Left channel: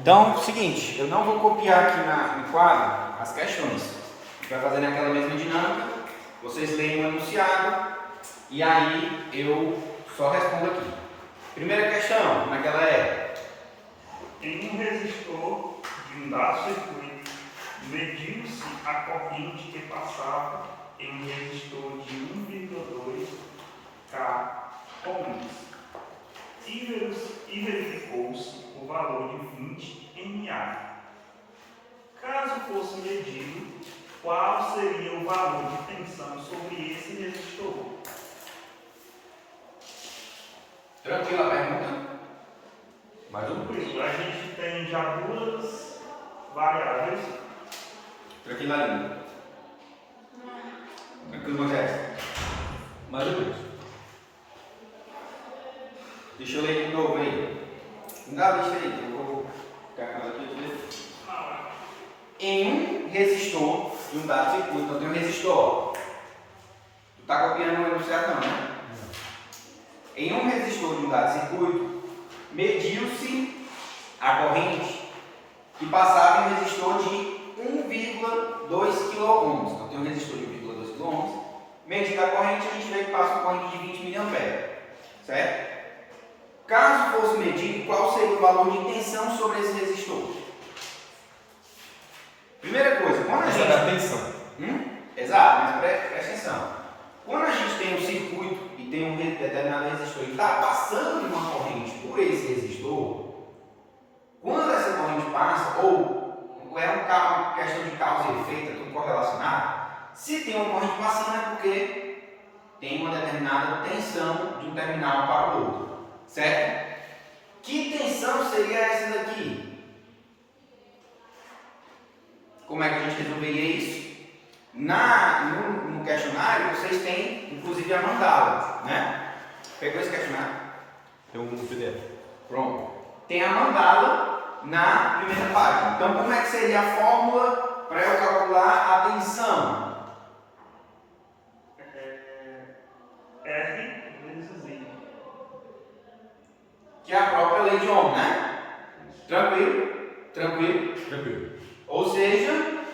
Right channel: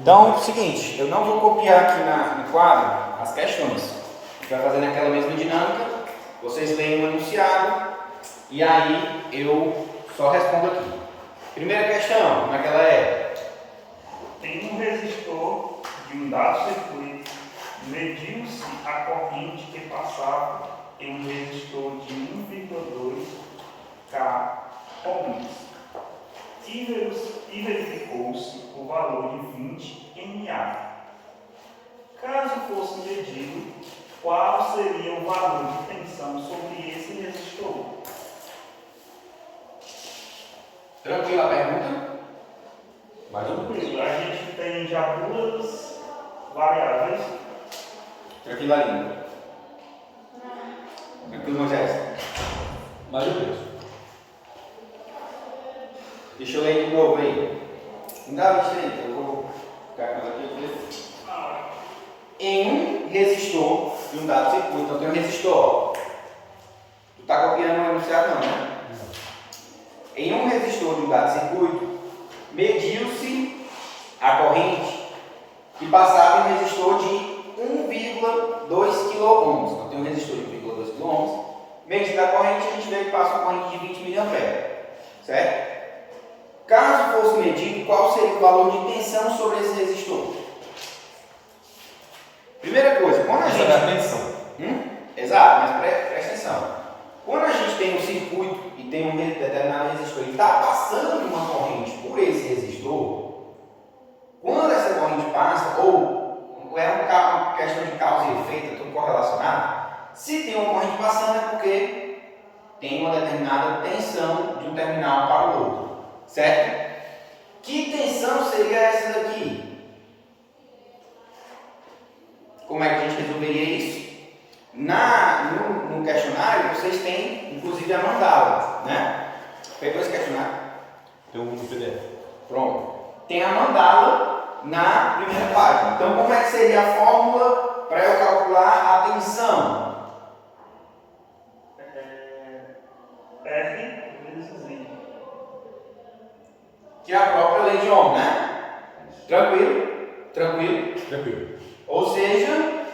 Então, é o seguinte, eu não vou copiar aqui no quadro as questões. A gente vai fazer naquela mesma dinâmica, vocês leem o enunciado e aí eu só respondo aqui. Primeira questão, como é que ela é? Em um resistor de um dado circuito, mediu-se a corrente que passava em um resistor de 1,2 K ohms e verificou-se o valor de 20 mA. Caso fosse medido, qual seria o valor de tensão sobre esse resistor? Tranquila a pergunta? Mais ou menos. A gente tem já duas variáveis. Tranquila a língua. Tranquilo, Moisés? Mais ou menos. Deixa eu ler de novo aí. Não dá a vista aí, então eu vou ficar com aqui. Em um resistor de um dado circuito, então tem um resistor. Tu está copiando o enunciado não, né? Em um resistor de um dado circuito, mediu-se a corrente que passava em um resistor de 1,2 kΩ. Então tem um resistor de 1,2 kΩ. Medida a corrente, a gente vê que passa uma corrente de 20 mA. Certo? Caso fosse medido, qual seria o valor de tensão sobre esse resistor? Primeira coisa, quando a gente... Atenção. Exato, mas presta atenção. Quando a gente tem um circuito e tem um determinado resistor e está passando uma corrente por esse resistor, quando essa corrente passa, ou é uma questão de causa e efeito, é tudo correlacionado, se tem uma corrente passando é porque tem uma determinada tensão de um terminal para o outro. Certo? Que tensão seria essa daqui? Como é que a gente resolveria isso? No questionário, vocês têm, inclusive, a mandala, né? Pegou esse questionário? Tem um PDF. Pronto. Tem a mandala na primeira página. Então, como é que seria a fórmula para eu calcular a tensão? R vezes I. Que é a própria lei de Ohm, né? Tranquilo? Tranquilo? Tranquilo. Ou seja,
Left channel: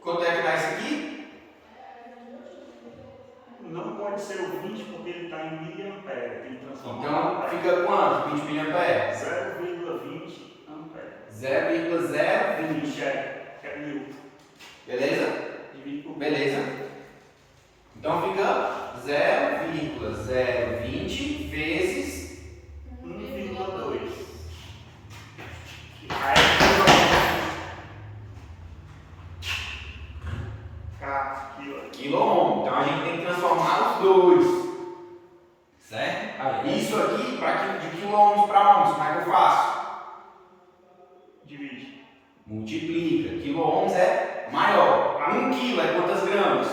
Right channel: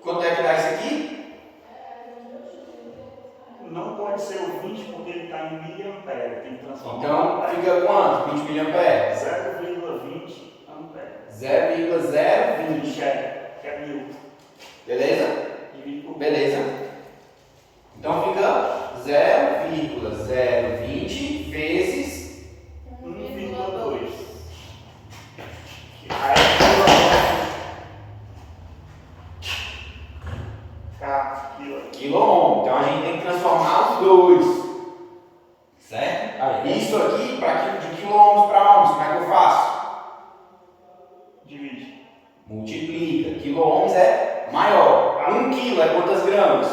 quanto é que dá isso aqui? Não pode ser o 20 porque ele está em miliampere. Tem que transformar Então, em fica quanto? 20 mA? 0,20 ampere. 0,020. Que é 1000. Beleza? Divide por Beleza. Então fica 0,020 vezes 1,2. Aí quilômetro. Então a gente tem que transformar os dois. Certo? Aí. Isso aqui, de quilômetros para ohms, como é que eu faço? divide. Multiplica. Quilô-ohms é maior. 1 quilo é quantas gramas?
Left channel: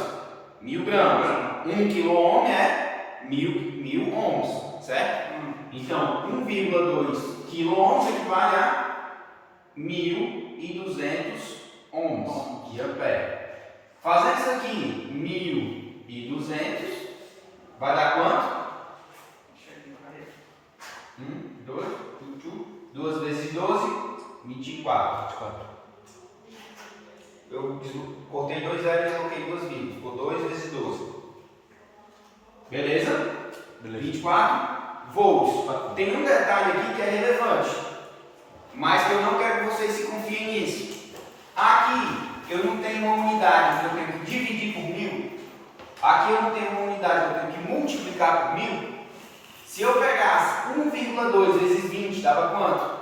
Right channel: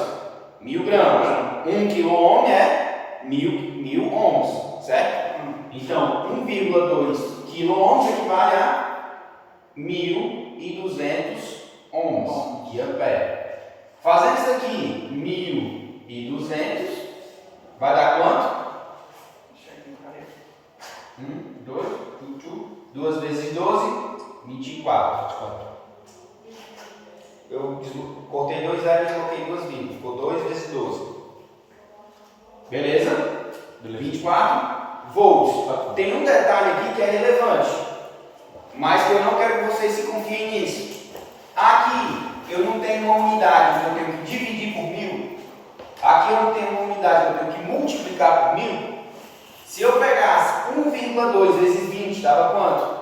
1000 gramas. 1 quilô-ohm é 1000 ohms. Certo? Então, 1,2 quilô-ohms equivale a 1200 ohms de ampere. Fazendo isso aqui, 1200, vai dar quanto? 2 vezes 12, 24. Eu cortei 2 zeros e coloquei 2 vírgulas. Ficou 2 vezes 12. Beleza? 24 volts. Tem um detalhe aqui que é relevante, mas que eu não quero que vocês se confiem nisso. Aqui eu não tenho uma unidade, eu tenho que dividir por 1000. Aqui eu não tenho uma unidade, eu tenho que multiplicar por 1000. Se eu pegasse 1,2 vezes 20, dava quanto?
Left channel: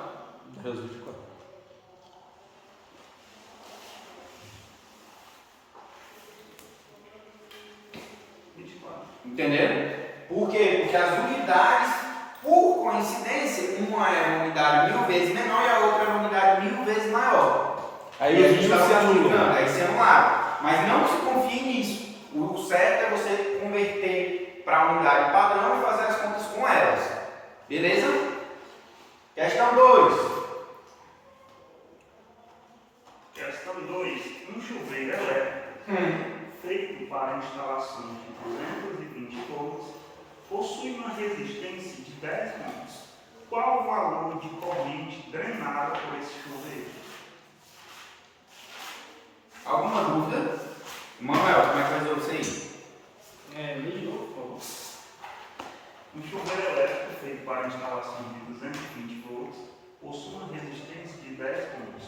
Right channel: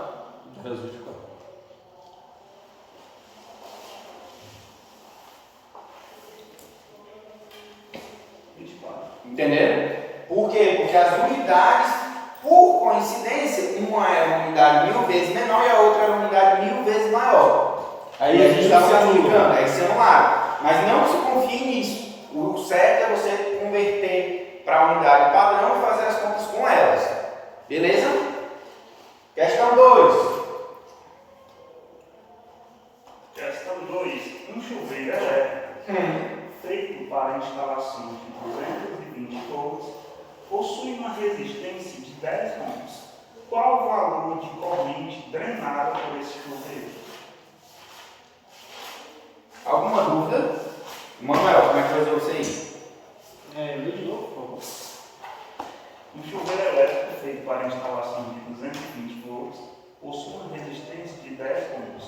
24. Entenderam? Por quê? Porque as unidades, por coincidência, uma é uma unidade 1000 vezes menor e a outra é uma unidade 1000 vezes maior. Aí a gente está multiplicando, aí se anularam. Mas não se confie nisso. O certo é você converter para a unidade padrão e fazer as contas com elas. Beleza? Questão 2. Questão 2. Um chuveiro elétrico feito para instalação de 220 volts possui uma resistência de 10 ohms. Qual o valor de corrente corrente drenada por esse chuveiro. Alguma dúvida? Manuel, como é que vai resolver isso aí? Lê de novo, por favor. Um chuveiro elétrico feito para instalação de 220 volts possui uma resistência de 10 ohms.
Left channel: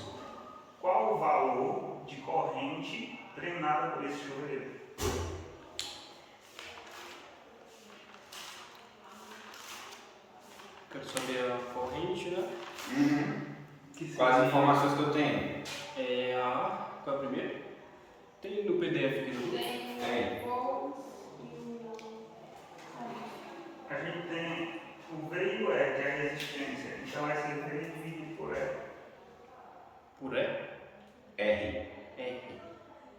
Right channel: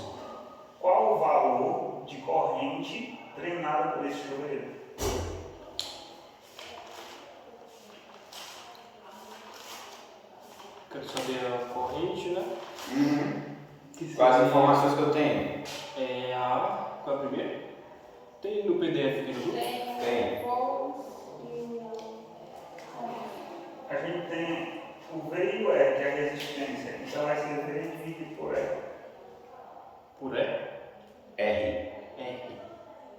Qual o valor de corrente drenada por esse chuveiro? Quero saber a corrente, né? Que Quais as seria- informações que eu tenho? Qual é a primeira? Tem no PDF aqui no Tem. A gente tem o V e o E, que é a resistência. Então vai ser V dividido por E. Por E? R. R.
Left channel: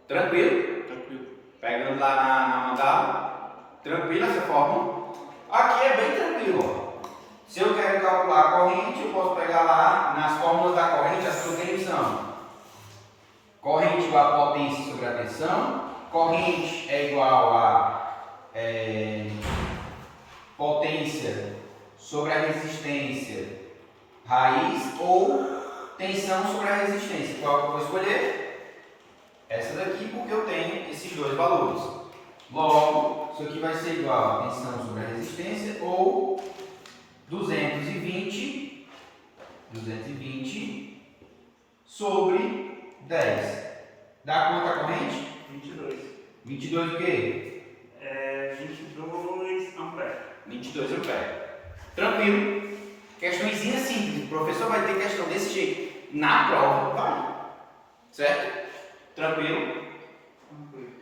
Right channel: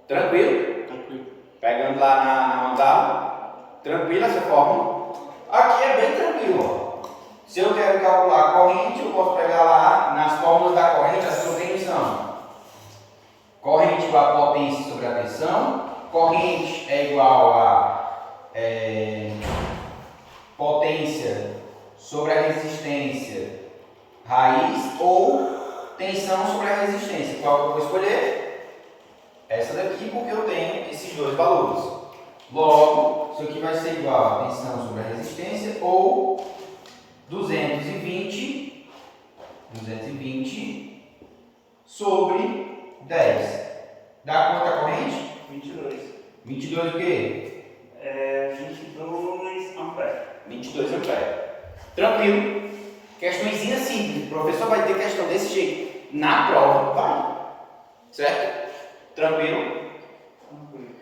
Tranquilo? Tranquilo. Pegando lá na mandala. Tranquilo essa fórmula? Aqui é bem tranquilo. Ó. Se eu quero calcular a corrente, eu posso pegar lá nas fórmulas da corrente, as que eu tenho são. Corrente igual a potência sobre a tensão. Corrente é igual a potência sobre a resistência raiz ou tensão sobre a resistência. Qual que eu vou escolher? Essa daqui, porque eu tenho esses dois valores. Logo, isso aqui vai ser igual a tensão sobre a resistência ou 220 sobre 10. Dá quanto a corrente? 22. 22 o quê? 22 amperes. 22 amperes. Tranquilo. Questõezinha simples. O professor vai ter questão desse jeito. Na prova, vai. Certo? Tranquilo? Tranquilo.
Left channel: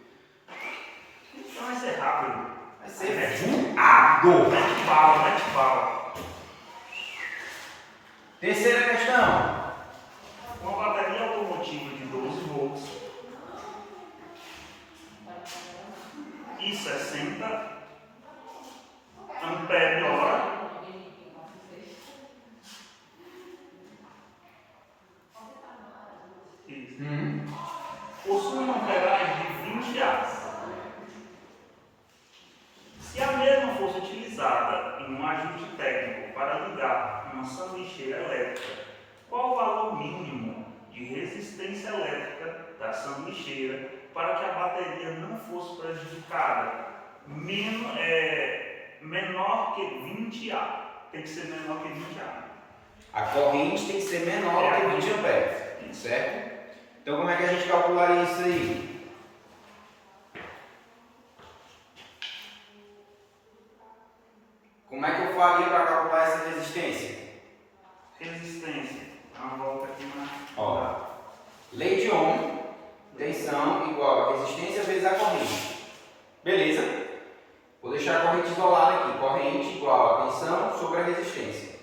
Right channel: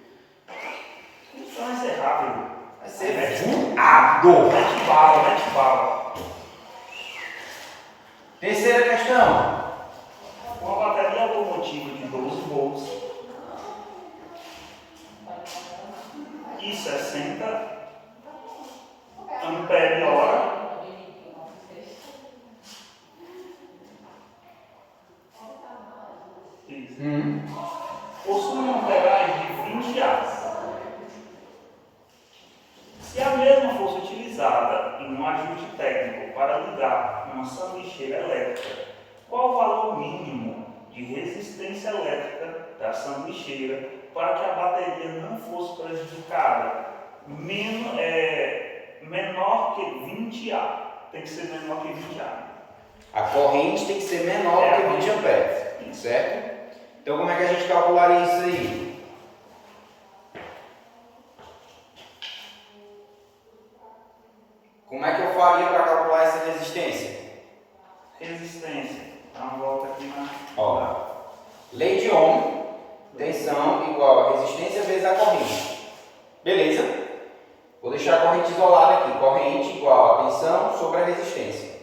Então vai ser rápido. Vai ser voado. Mete bala. Terceira questão. Uma bateria automotiva de 12 volts e 60 ampere hora possui uma amperagem de 20 A. Se a mesma fosse utilizada em um ajuste técnico para ligar uma sanduicheira elétrica, qual o valor mínimo de resistência elétrica da sanduicheira para que a bateria não fosse prejudicada? Menor que 20 A. Tem que ser menor que 20 A. A corrente tem que ser menor que 20 amperes. Certo? Então, como é que a gente calcularia isso aí? Como é que eu faria para calcular essa resistência? Resistência. Dá uma volta aqui na. Ó, lei de Ohm, tensão igual a resistência vezes a corrente. Beleza? Vou deixar a corrente isolada aqui. Corrente igual a tensão sobre a resistência.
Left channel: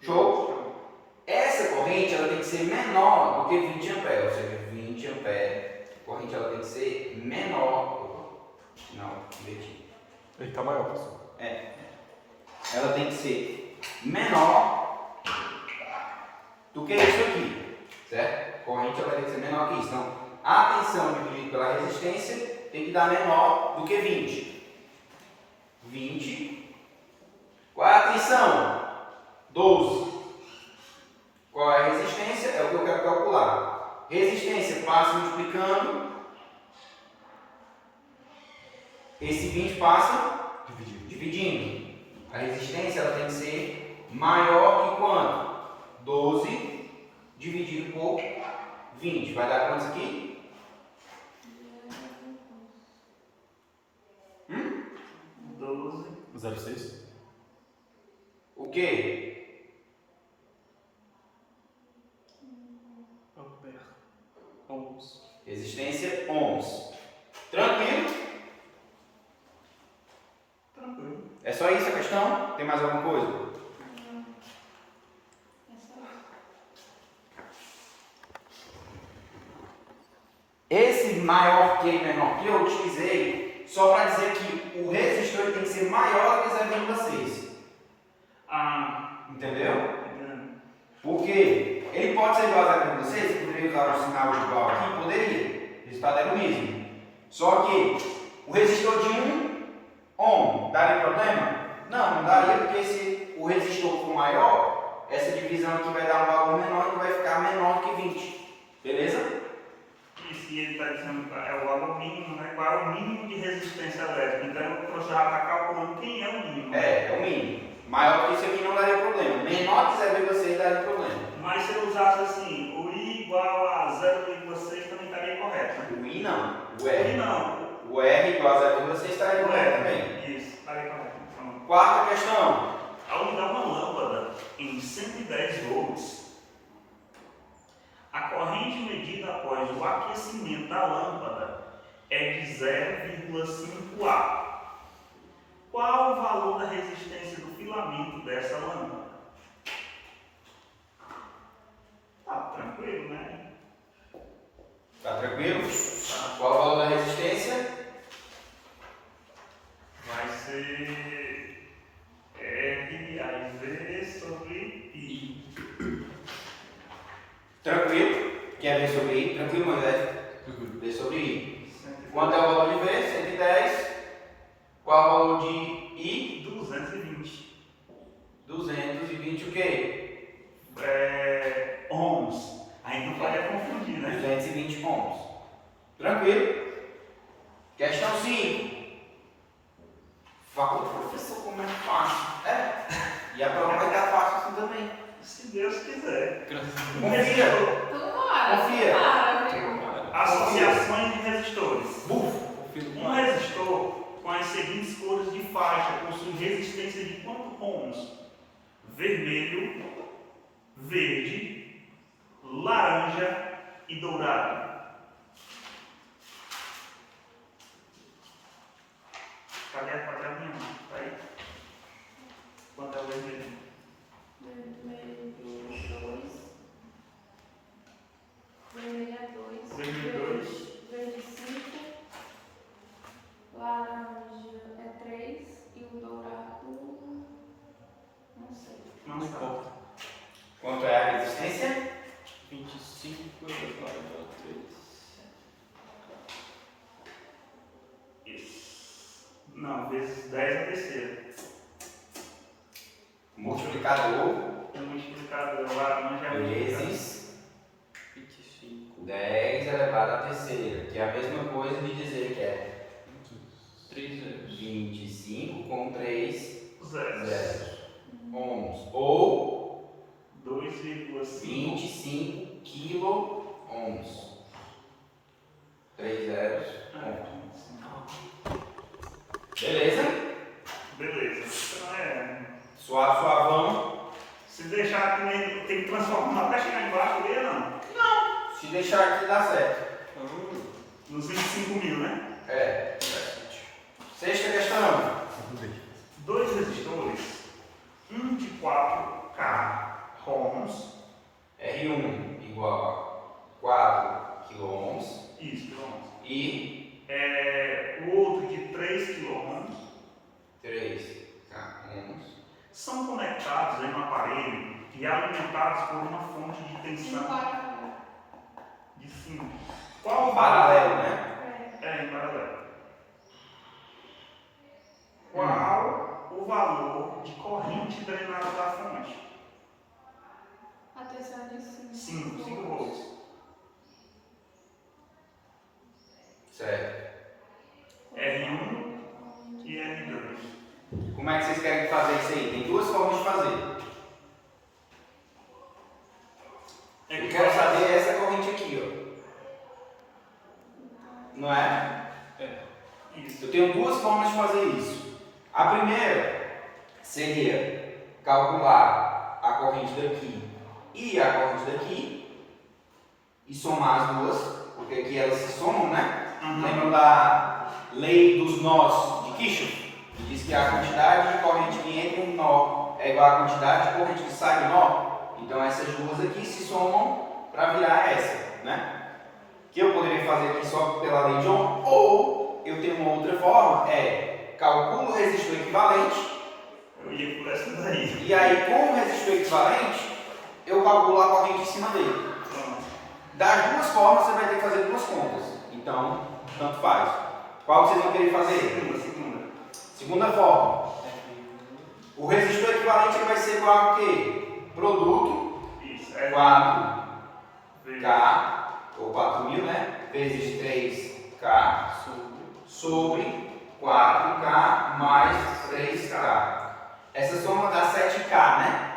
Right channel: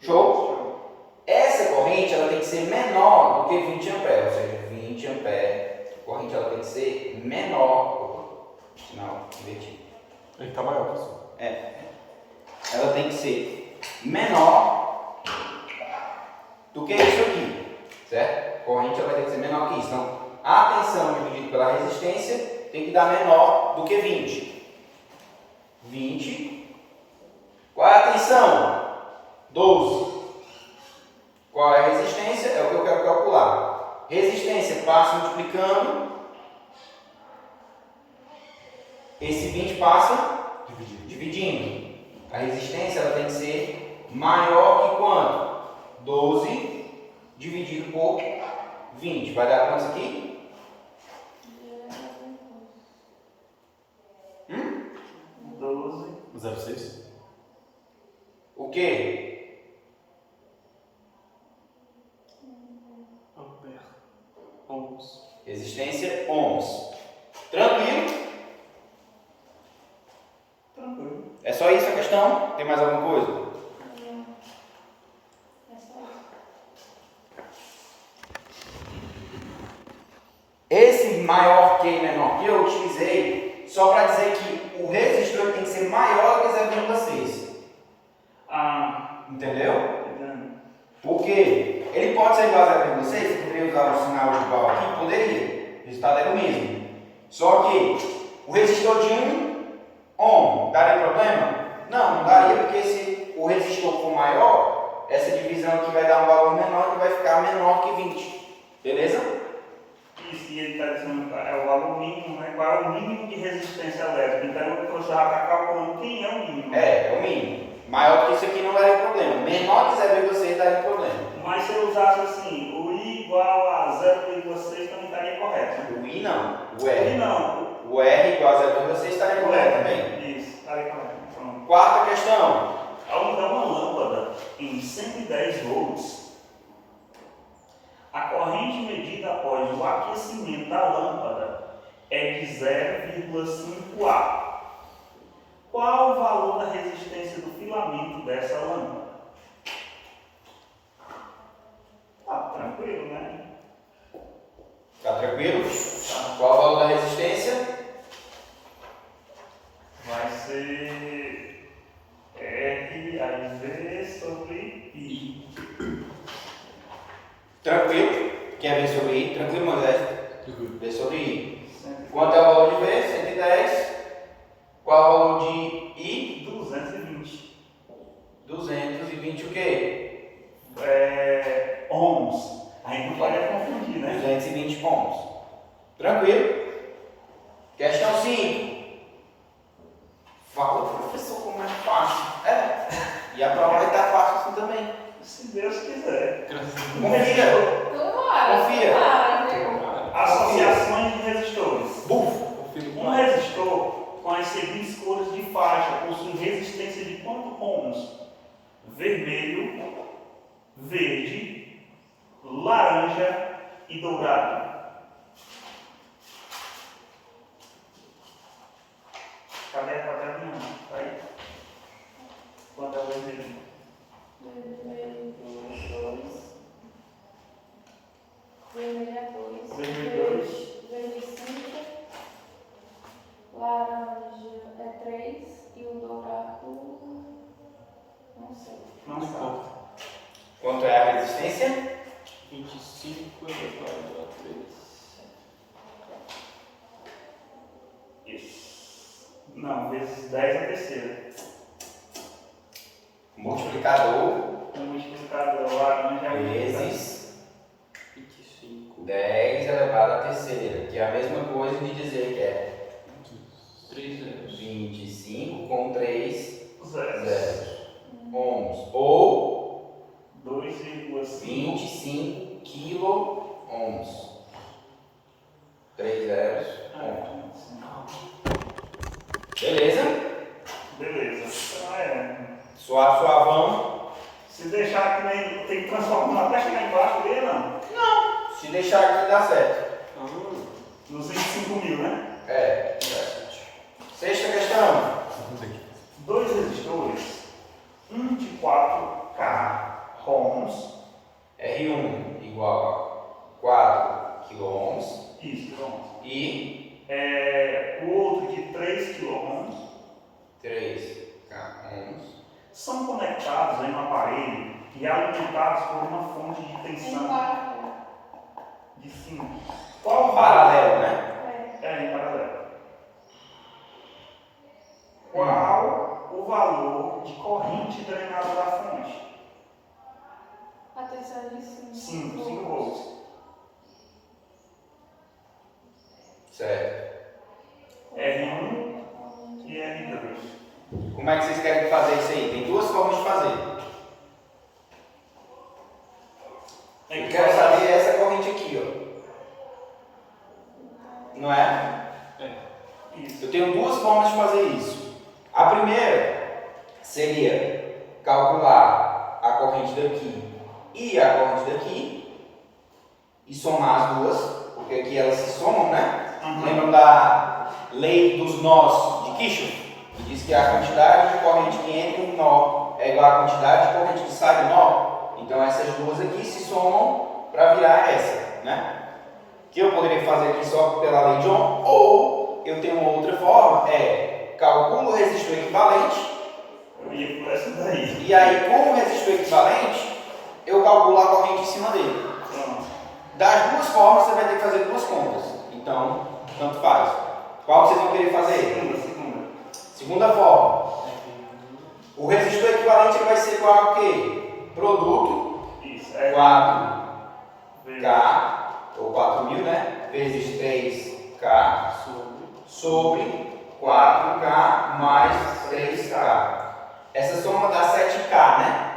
Show? Essa corrente ela tem que ser menor do que 20 amperes, ou seja, 20 amperes. A corrente ela tem que ser menor. Não, inverti. Ele está maior, pessoal. Ela tem que ser menor do que isso aqui, certo? A corrente ela tem que ser menor que isso. Então, a tensão dividida pela resistência tem que dar menor do que 20. 20. Qual é a tensão? 12. Qual é a resistência? É o que eu quero calcular. Resistência passa multiplicando. Esse 20 passa dividindo. A resistência ela tem que ser maior que quanto? 12 dividido por 20. Vai dar quanto isso aqui? 12. 0,6? O quê? Ampere. Ohms. Resistência ohms. Tranquilo? Tranquilo. É só isso a questão? Tem mais alguma coisa? Esse maior que e menor que eu utilizei só para dizer que o resistor ele tem que ser maior do que 0,6. Entendeu? Por quê? Ele pode ser igual a 0,6, poderia usar o sinal de igual aqui? Poderia. O resultado é o mesmo. Só que o resistor de 1 ohm daria problema? Não, não daria, porque se o resistor for maior, essa divisão aqui vai dar um valor menor e vai ficar menor que 20. Beleza? Isso, e ele está dizendo que é o valor mínimo, né? Qual é o mínimo de resistência elétrica? Então o professor já está calculando quem é o mínimo. É o mínimo. Maior que isso aqui não daria problema. Menor que 0,6 daria problema. Mas se eu usasse assim, o I igual a 0,6 também estaria correto, né? O I não, o O I R. não. O R igual a 0,6 estaria correto também. Isso, estaria correto. Pronto. Quarta questão. Ao usar uma lâmpada em 110 volts, a corrente medida após o aquecimento da lâmpada é de 0,5 A. Qual o valor da resistência do filamento dessa lâmpada? Tá tranquilo, né? Tá tranquilo? Qual o valor da resistência? Vai ser R aí V sobre I. Tranquilo? Quer ver sobre I? Tranquilo, Moisés? Ver sobre I. Quanto é o valor de V? 110. Qual o valor de I? 220. 220 o quê? Ohms. Aí não pode confundir, né? 220 ohms. Tranquilo? Questão 5. Fala, professor, como é fácil. É. E a prova vai estar fácil assim também. Se Deus quiser. Confia. Tomara, Confia. tomara, viu? Associações de resistores. Bufo. Um resistor com as seguintes cores de faixa possui resistência de quanto ohms? Vermelho, verde, laranja e dourado. Cadê a quadradinha? Tá aí. Quanto é o vermelho? Vermelho 2. Vermelho é 2. Vermelho 2. Verde 5. Laranja é 3. E o dourado. Não sei. Não importa. Quanto é a resistência? 25 elevado a 3. Isso. Não, vezes 10 é a terceira. Multiplicador O multiplicador laranja é vezes 25. 10 elevado à terceira, que é a mesma coisa de dizer que é 3 zeros. 25 com 3 zero. zeros ohms, ou 2,5. 25 quilo ohms. 3 zeros ohms. Beleza? Beleza. Então Suave, suavão. se deixar que nem tem que transformar até chegar embaixo dele, não. Se deixar aqui dá certo. Nos 25 mil, né? É. Sexta questão. Dois resistores, um de 4K ohms, R1 igual a 4 kilo ohms isso, ohms. e O outro de 3 kΩ 3 ohms. são conectados em um aparelho e alimentados por uma fonte de tensão de 5. Qual o valor? Paralelo, né? Em paralelo. Qual o valor de corrente drenada da fonte? A terceira de 5. 5 volts. Certo. R1 e R2. Como é que vocês querem fazer isso aí? Tem duas formas de fazer. Eu quero saber essa corrente aqui, ó. Não é? Isso. Eu tenho duas formas de fazer isso. A primeira seria calcular a corrente daqui e a corrente daqui e somar as duas, porque aqui elas se somam, né? Lembram da lei dos nós de Kirchhoff? Que diz que a quantidade de corrente que entra em um nó é igual à quantidade de corrente que sai do nó. Então essas duas aqui se somam para virar essa, né? Que eu poderia fazer aqui só pela lei de Ohm, ou eu tenho uma outra forma, calculo o resistor equivalente, Eu ia por essa daí. e aí com o resistor equivalente, eu calculo a corrente em cima dele. Pronto. Das duas formas, você vai ter que fazer duas contas. Então, tanto faz. Qual vocês vão querer fazer? Segunda. Segunda forma. O resistor equivalente ele vai ser igual a quê? produto Isso, é 4K, vezes ou 4.000, né? Vezes 3K sobre 4K mais 3K. Essa soma dá 7K, né?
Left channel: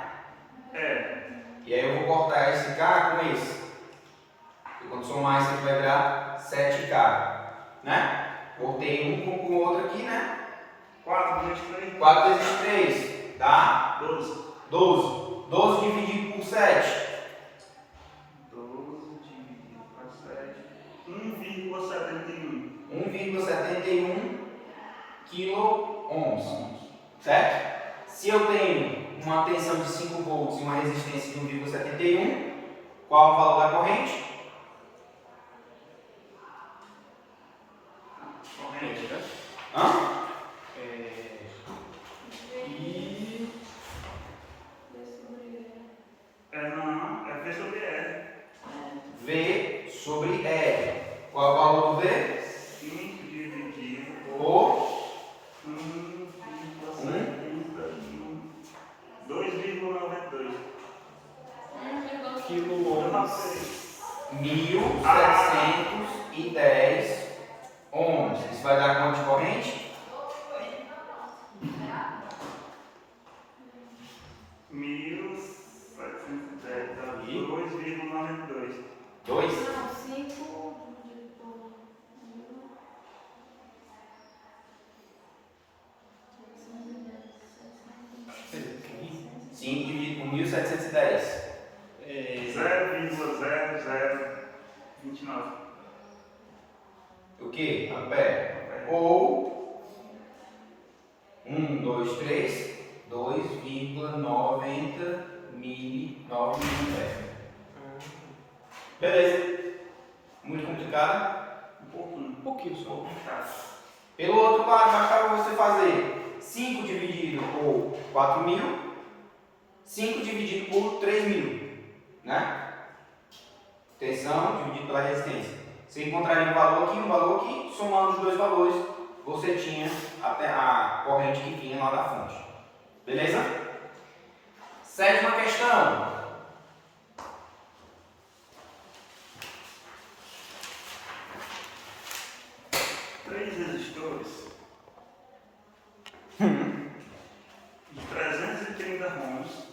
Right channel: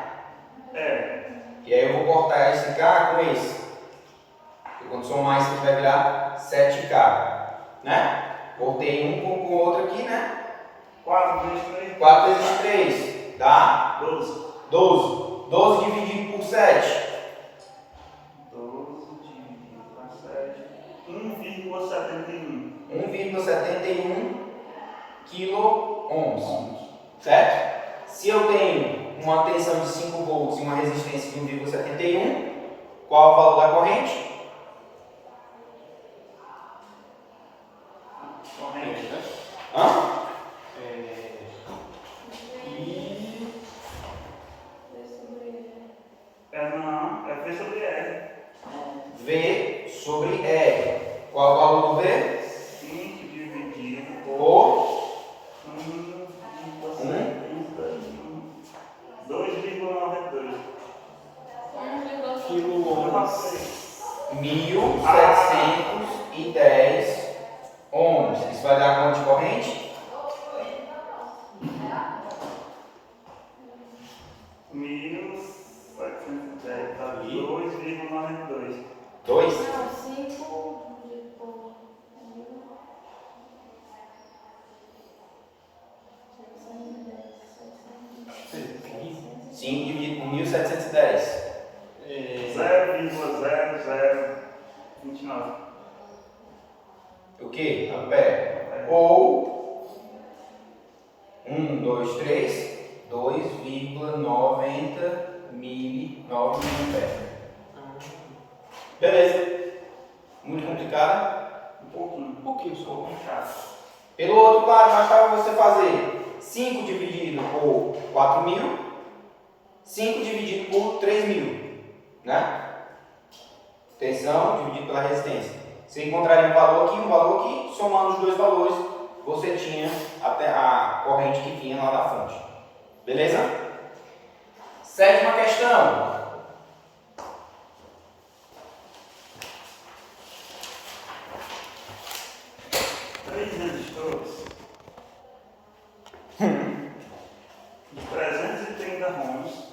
É, E aí eu vou cortar esse K com esse. E quando somar isso vai virar 7K, né? Cortei um com o outro aqui, né? 4 vezes 3. 4 vezes 3 dá 12. 12. 12 dividido por 7. 12 dividido por 7. 1,71. 1,71 kΩ. Certo? Se eu tenho uma tensão de 5 volts e uma resistência de 1,71, qual é o valor da corrente? Corrente. Hã? Não, é V sobre R. V sobre R. Qual é o valor do V? 5 dividido Por 2,92. Quilômetros. 1.710 ohms. Isso vai dar quanto de corrente? 1.710 dá 2,92. 2? Não, 5 dividido por 5 dividido por 1.710. 0,0029. O que? Ampere. Ou 1, 2, 3, 2,90 miliampere. Beleza. Muito complicado. Um pouquinho. Um pouquinho Um só. pouco chato. Pelo outro lado, bastava você fazer 5 dividido por 4.000, 5 dividido por 3.000, né? Tensão dividido pela resistência. Você encontraria um valor aqui, somando os dois valores, você tinha a corrente que vinha lá da fonte. Beleza? Sétima questão. Três resistores de 330 ohms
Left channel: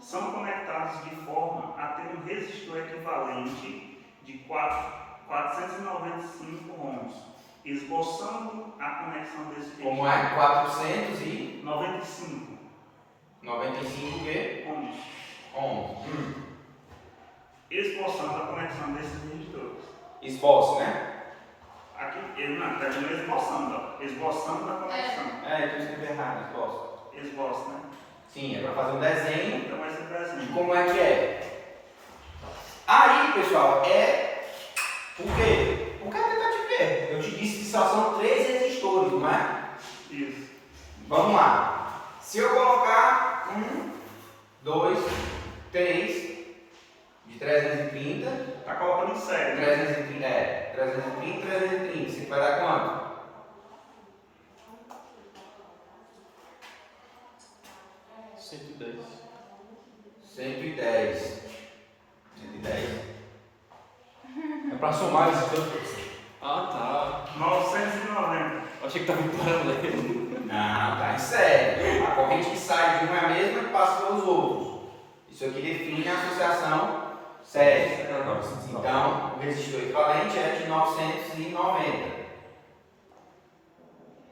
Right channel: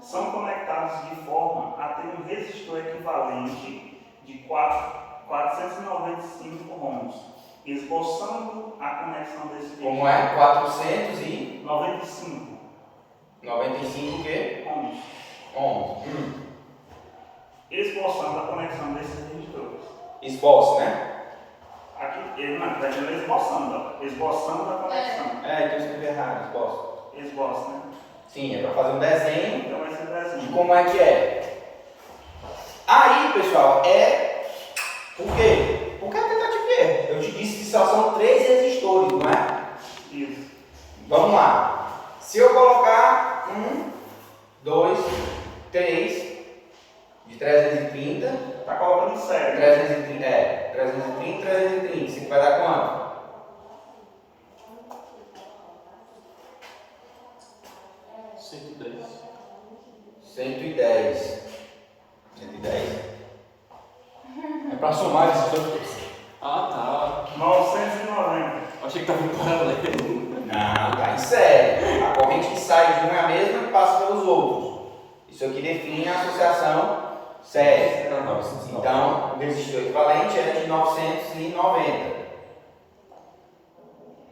são conectados de forma a ter um resistor equivalente de 495 ohms, esboçando a conexão desse resistor. Como é? 495 95 o quê? ohms. Ohms. Esboçando a conexão desses resistores. Esboço, né? Aqui, ele na verdade não é esboçando, ó. Esboçando a conexão. É, então escrevi errado, esboço. Esboço, né? Sim, é para fazer um desenho. Então esse E desenho. como é que é? Aí, pessoal, é por quê? Porque a tentativa é. Eu te disse que só são 3 resistores, não é? Isso. Vamos lá. Se eu colocar 1, 2, 3 de 330, Tá colocando em série. 330, 330, isso aqui vai dar quanto? 110. 110. 110. É pra somar esses dois. Ah, 990. tá. Achei que tava em paralelo. Não, tá em série. A corrente que sai de um é a mesma que passa pelos outros. Isso aqui define a associação série. Então, o resistor equivalente é de 990.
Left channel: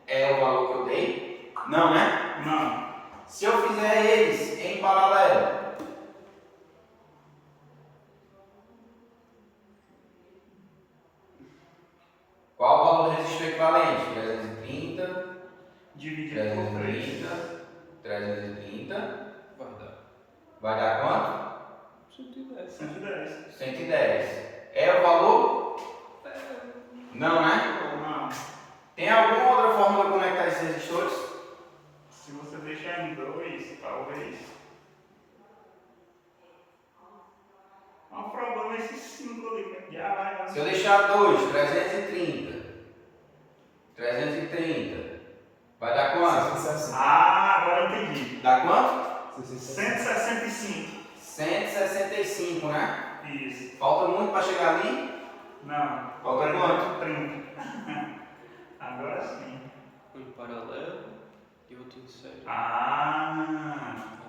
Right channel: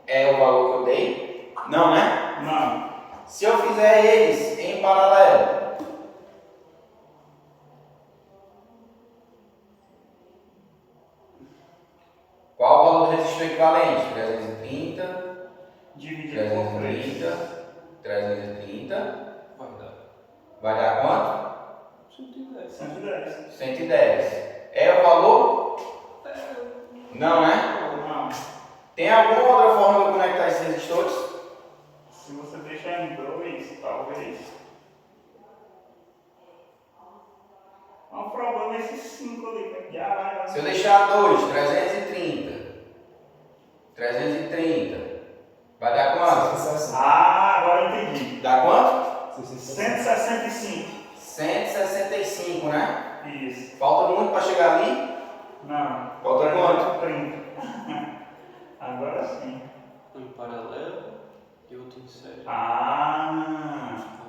É o valor que eu dei? Não, né? Não. Se eu fizer eles em paralelo, qual o valor do resistor equivalente? 330, Dividido por 3. 330. Vai dar. Vai dar quanto? 110. 110. 110. É o valor? Não, né? Não. Tem alguma outra forma de eu conectar esses resistores? Se você deixar em 2, talvez. O problema é esse 5 ali. Já vai. Se eu deixar 2, 330, vai dar quanto? Ah, agora eu entendi. Dá quanto? 165. 165, né? Isso. Falta muito para chegar ali? Não. Falta quanto? 30. Agora sim. Um paralelo e outro em série. Ah.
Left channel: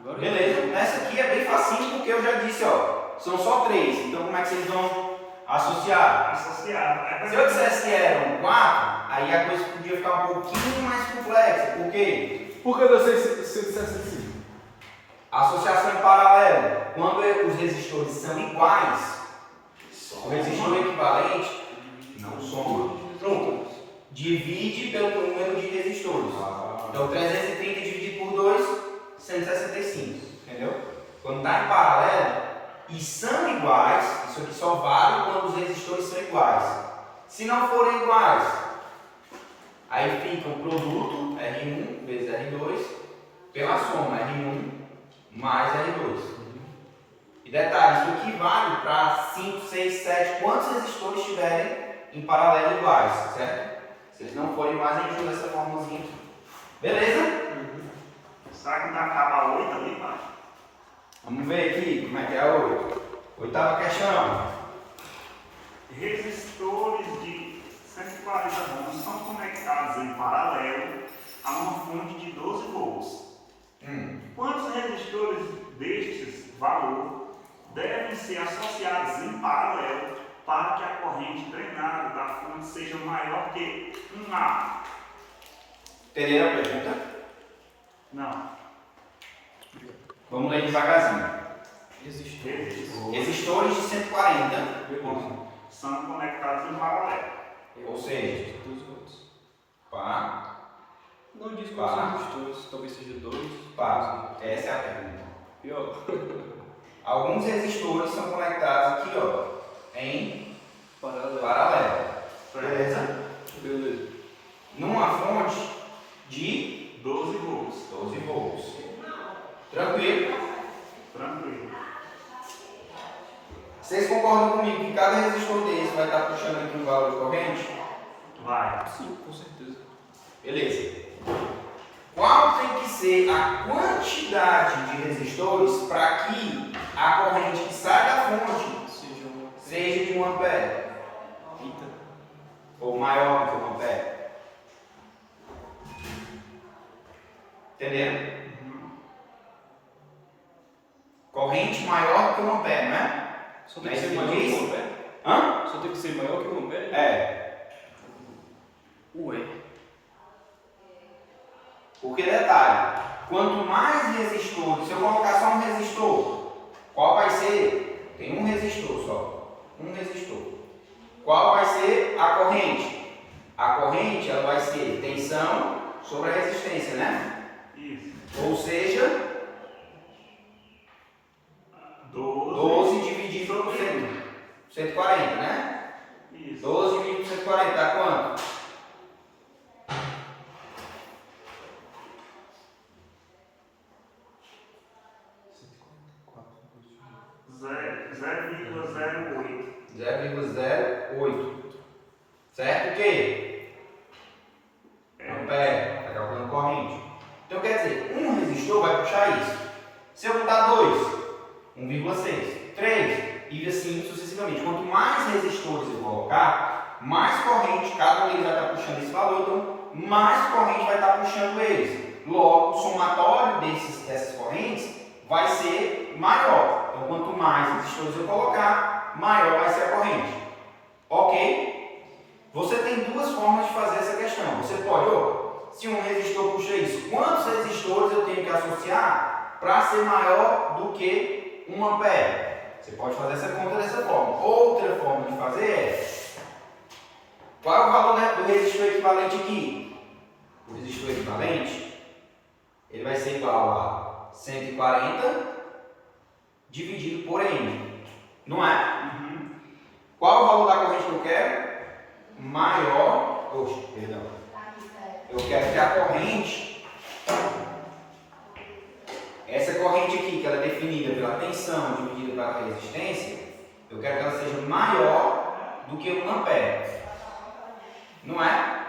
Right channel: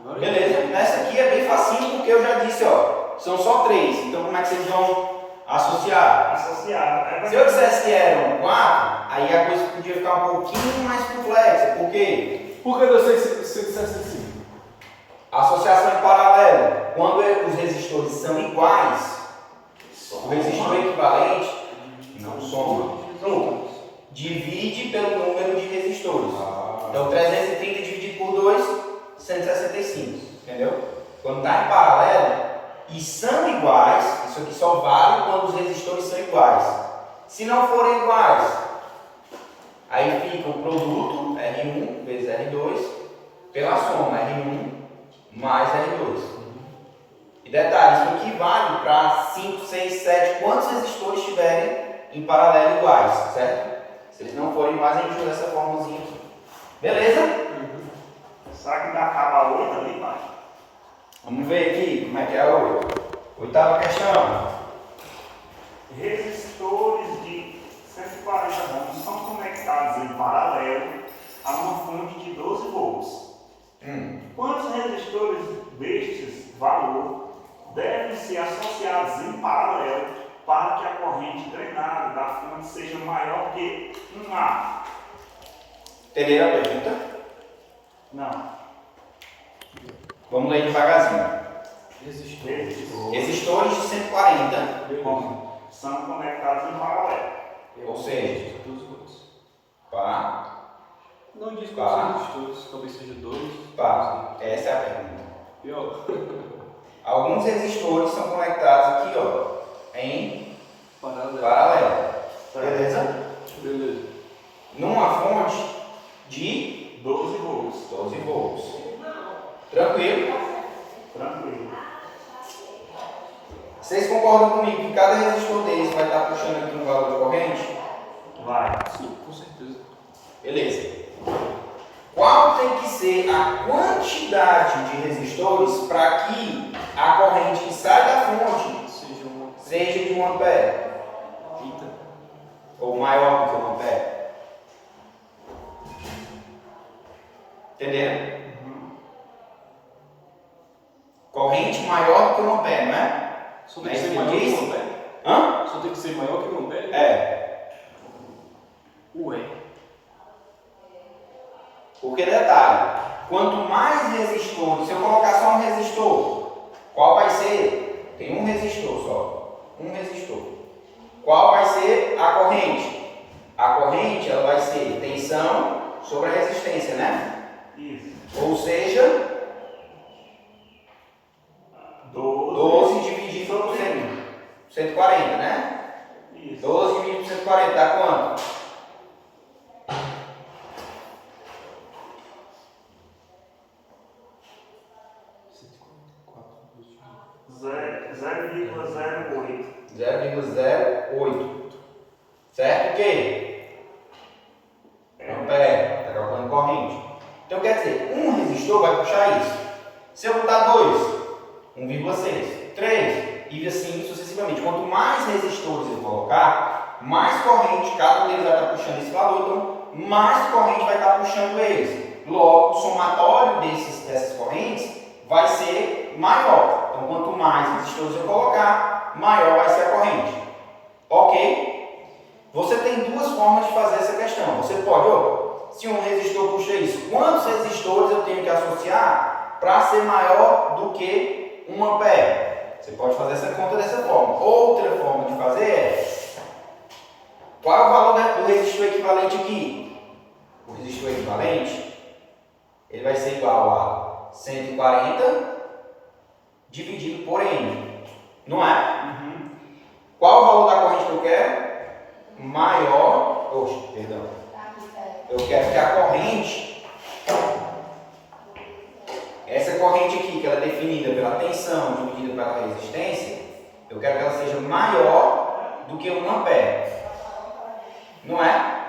Agora Beleza. Nessa aqui é bem facinho porque eu já disse, ó. São só 3. Então como é que vocês vão associar? Associado. Se eu dissesse que eram 4, aí a coisa podia ficar um pouquinho mais complexa. Por quê? Por que eu sei se eu dissesse assim? Associação em paralelo. Quando os resistores são iguais, o resistor equivalente não soma. Divide pelo número de resistores. Então 330 dividido por 2, 165. Entendeu? Quando está em paralelo e são iguais, isso aqui só vale quando os resistores são iguais. Se não forem iguais, aí fica o produto R1 vezes R2 pela soma R1 mais R2. E detalhe, isso aqui vale para 5, 6, 7, quantos resistores tiverem em paralelo iguais, certo? Se eles não forem iguais, a gente usa essa formazinha aqui. Beleza? Será que ainda acaba 8 ali, pai? Vamos ver aqui como é que é a 8. Oitava questão. Resistores de 140 ohms são conectados em paralelo a uma fonte de 12 volts. Quantos resistores destes valor devem ser associados em paralelo para que a corrente drenada da fonte seja maior que 1A? Entenderam a pergunta? Não. Vamos ler devagarzinho. Resistores Resistores de 140, são conectados em paralelo. ou seja, 12 volts. pá, Não diz Pá. quais são os todos, talvez seja 2. pá. Essa é a pergunta. Pior. Alguns resistores são conectados aqui, ó, em Paralelo. paralelo. Beleza? Beleza. Numa fonte de 12 volts. 12 volts. Tranquilo? Tranquilo. Vocês concordam comigo que cada resistor desse vai estar puxando aqui um valor de corrente? Vai. Sim, com certeza. Beleza. Qual tem que ser a quantidade de resistores para que a corrente que sai da fonte Seja uma seja de 1 ampere? fita. Ou maior do que 1 ampere? Entenderam? Corrente maior do que 1 ampere, não é? Só tem que Mas ser ele maior que diz- 1 ampere? Hã? Só tem que ser maior que 1 ampere? É. Ué. Porque detalhe, quanto mais resistores, se eu colocar só um resistor, qual vai ser? Tem um resistor só. Um resistor. Qual vai ser a corrente? A corrente ela vai ser tensão sobre a resistência, né? Isso. Ou seja, 12 dividido por 140, né? Isso. 12 dividido por 140 dá quanto? Zero- 0,08. 0,08. Certo o quê? Ampere, está calculando corrente. Então quer dizer, um resistor vai puxar isso. Se eu botar 2, 1,6, 3 e assim sucessivamente. Quanto mais resistores eu colocar, mais corrente, cada um deles vai estar puxando esse valor, então mais corrente vai estar puxando eles. Logo, o somatório dessas correntes vai ser maior. Então quanto mais resistores eu colocar, maior vai ser a corrente. Ok? Você tem duas formas de fazer essa questão. Você pode, se um resistor puxa isso, quantos resistores eu tenho que associar para ser maior do que 1 ampere? Você pode fazer essa conta dessa forma. Outra forma de fazer é, qual é o valor do resistor equivalente aqui? O resistor equivalente, ele vai ser igual a 140 dividido por N, não é? Qual o valor da corrente que eu quero? Maior, perdão. Eu quero que a corrente, essa corrente aqui, que ela é definida pela tensão dividida pela resistência, eu quero que ela seja maior do que 1 ampere. Não é?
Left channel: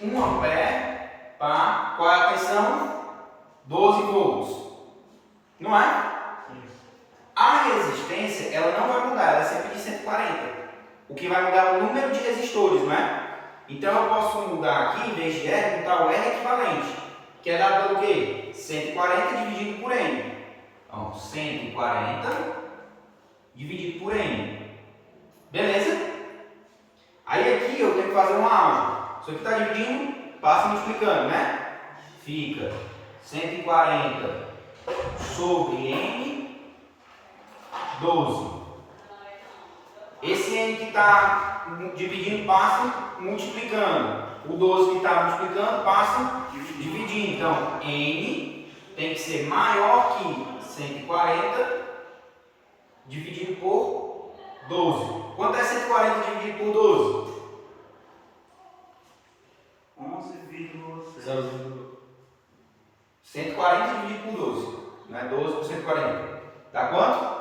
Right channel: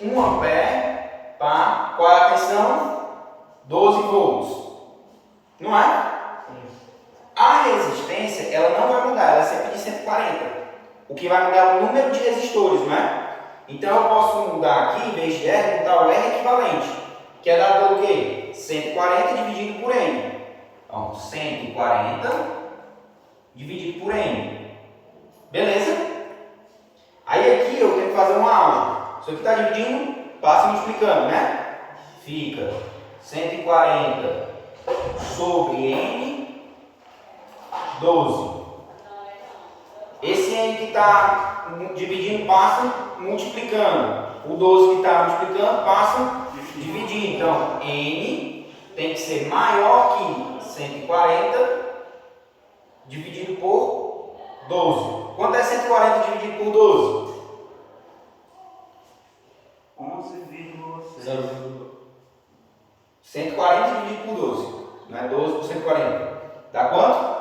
1 ampere, qual é a tensão? 12 volts. Não é? A resistência, ela não vai mudar, ela é sempre de 140. O que vai mudar é o número de resistores, né? Então eu posso mudar aqui, em vez de R, botar o R equivalente, que é dado pelo quê? 140 dividido por N. Então, 140 dividido por N. Beleza? Aí aqui eu tenho que fazer uma álgebra. Isso aqui está dividindo, passa multiplicando, né? Fica 140 sobre N, 12. Esse N que está dividindo passa multiplicando. O 12 que está multiplicando passa dividindo. Então, N tem que ser maior que 140 dividido por 12. Quanto é 140 dividido por 12? 11,6. 140 dividido por 12. Não é 12 por 140. Dá quanto?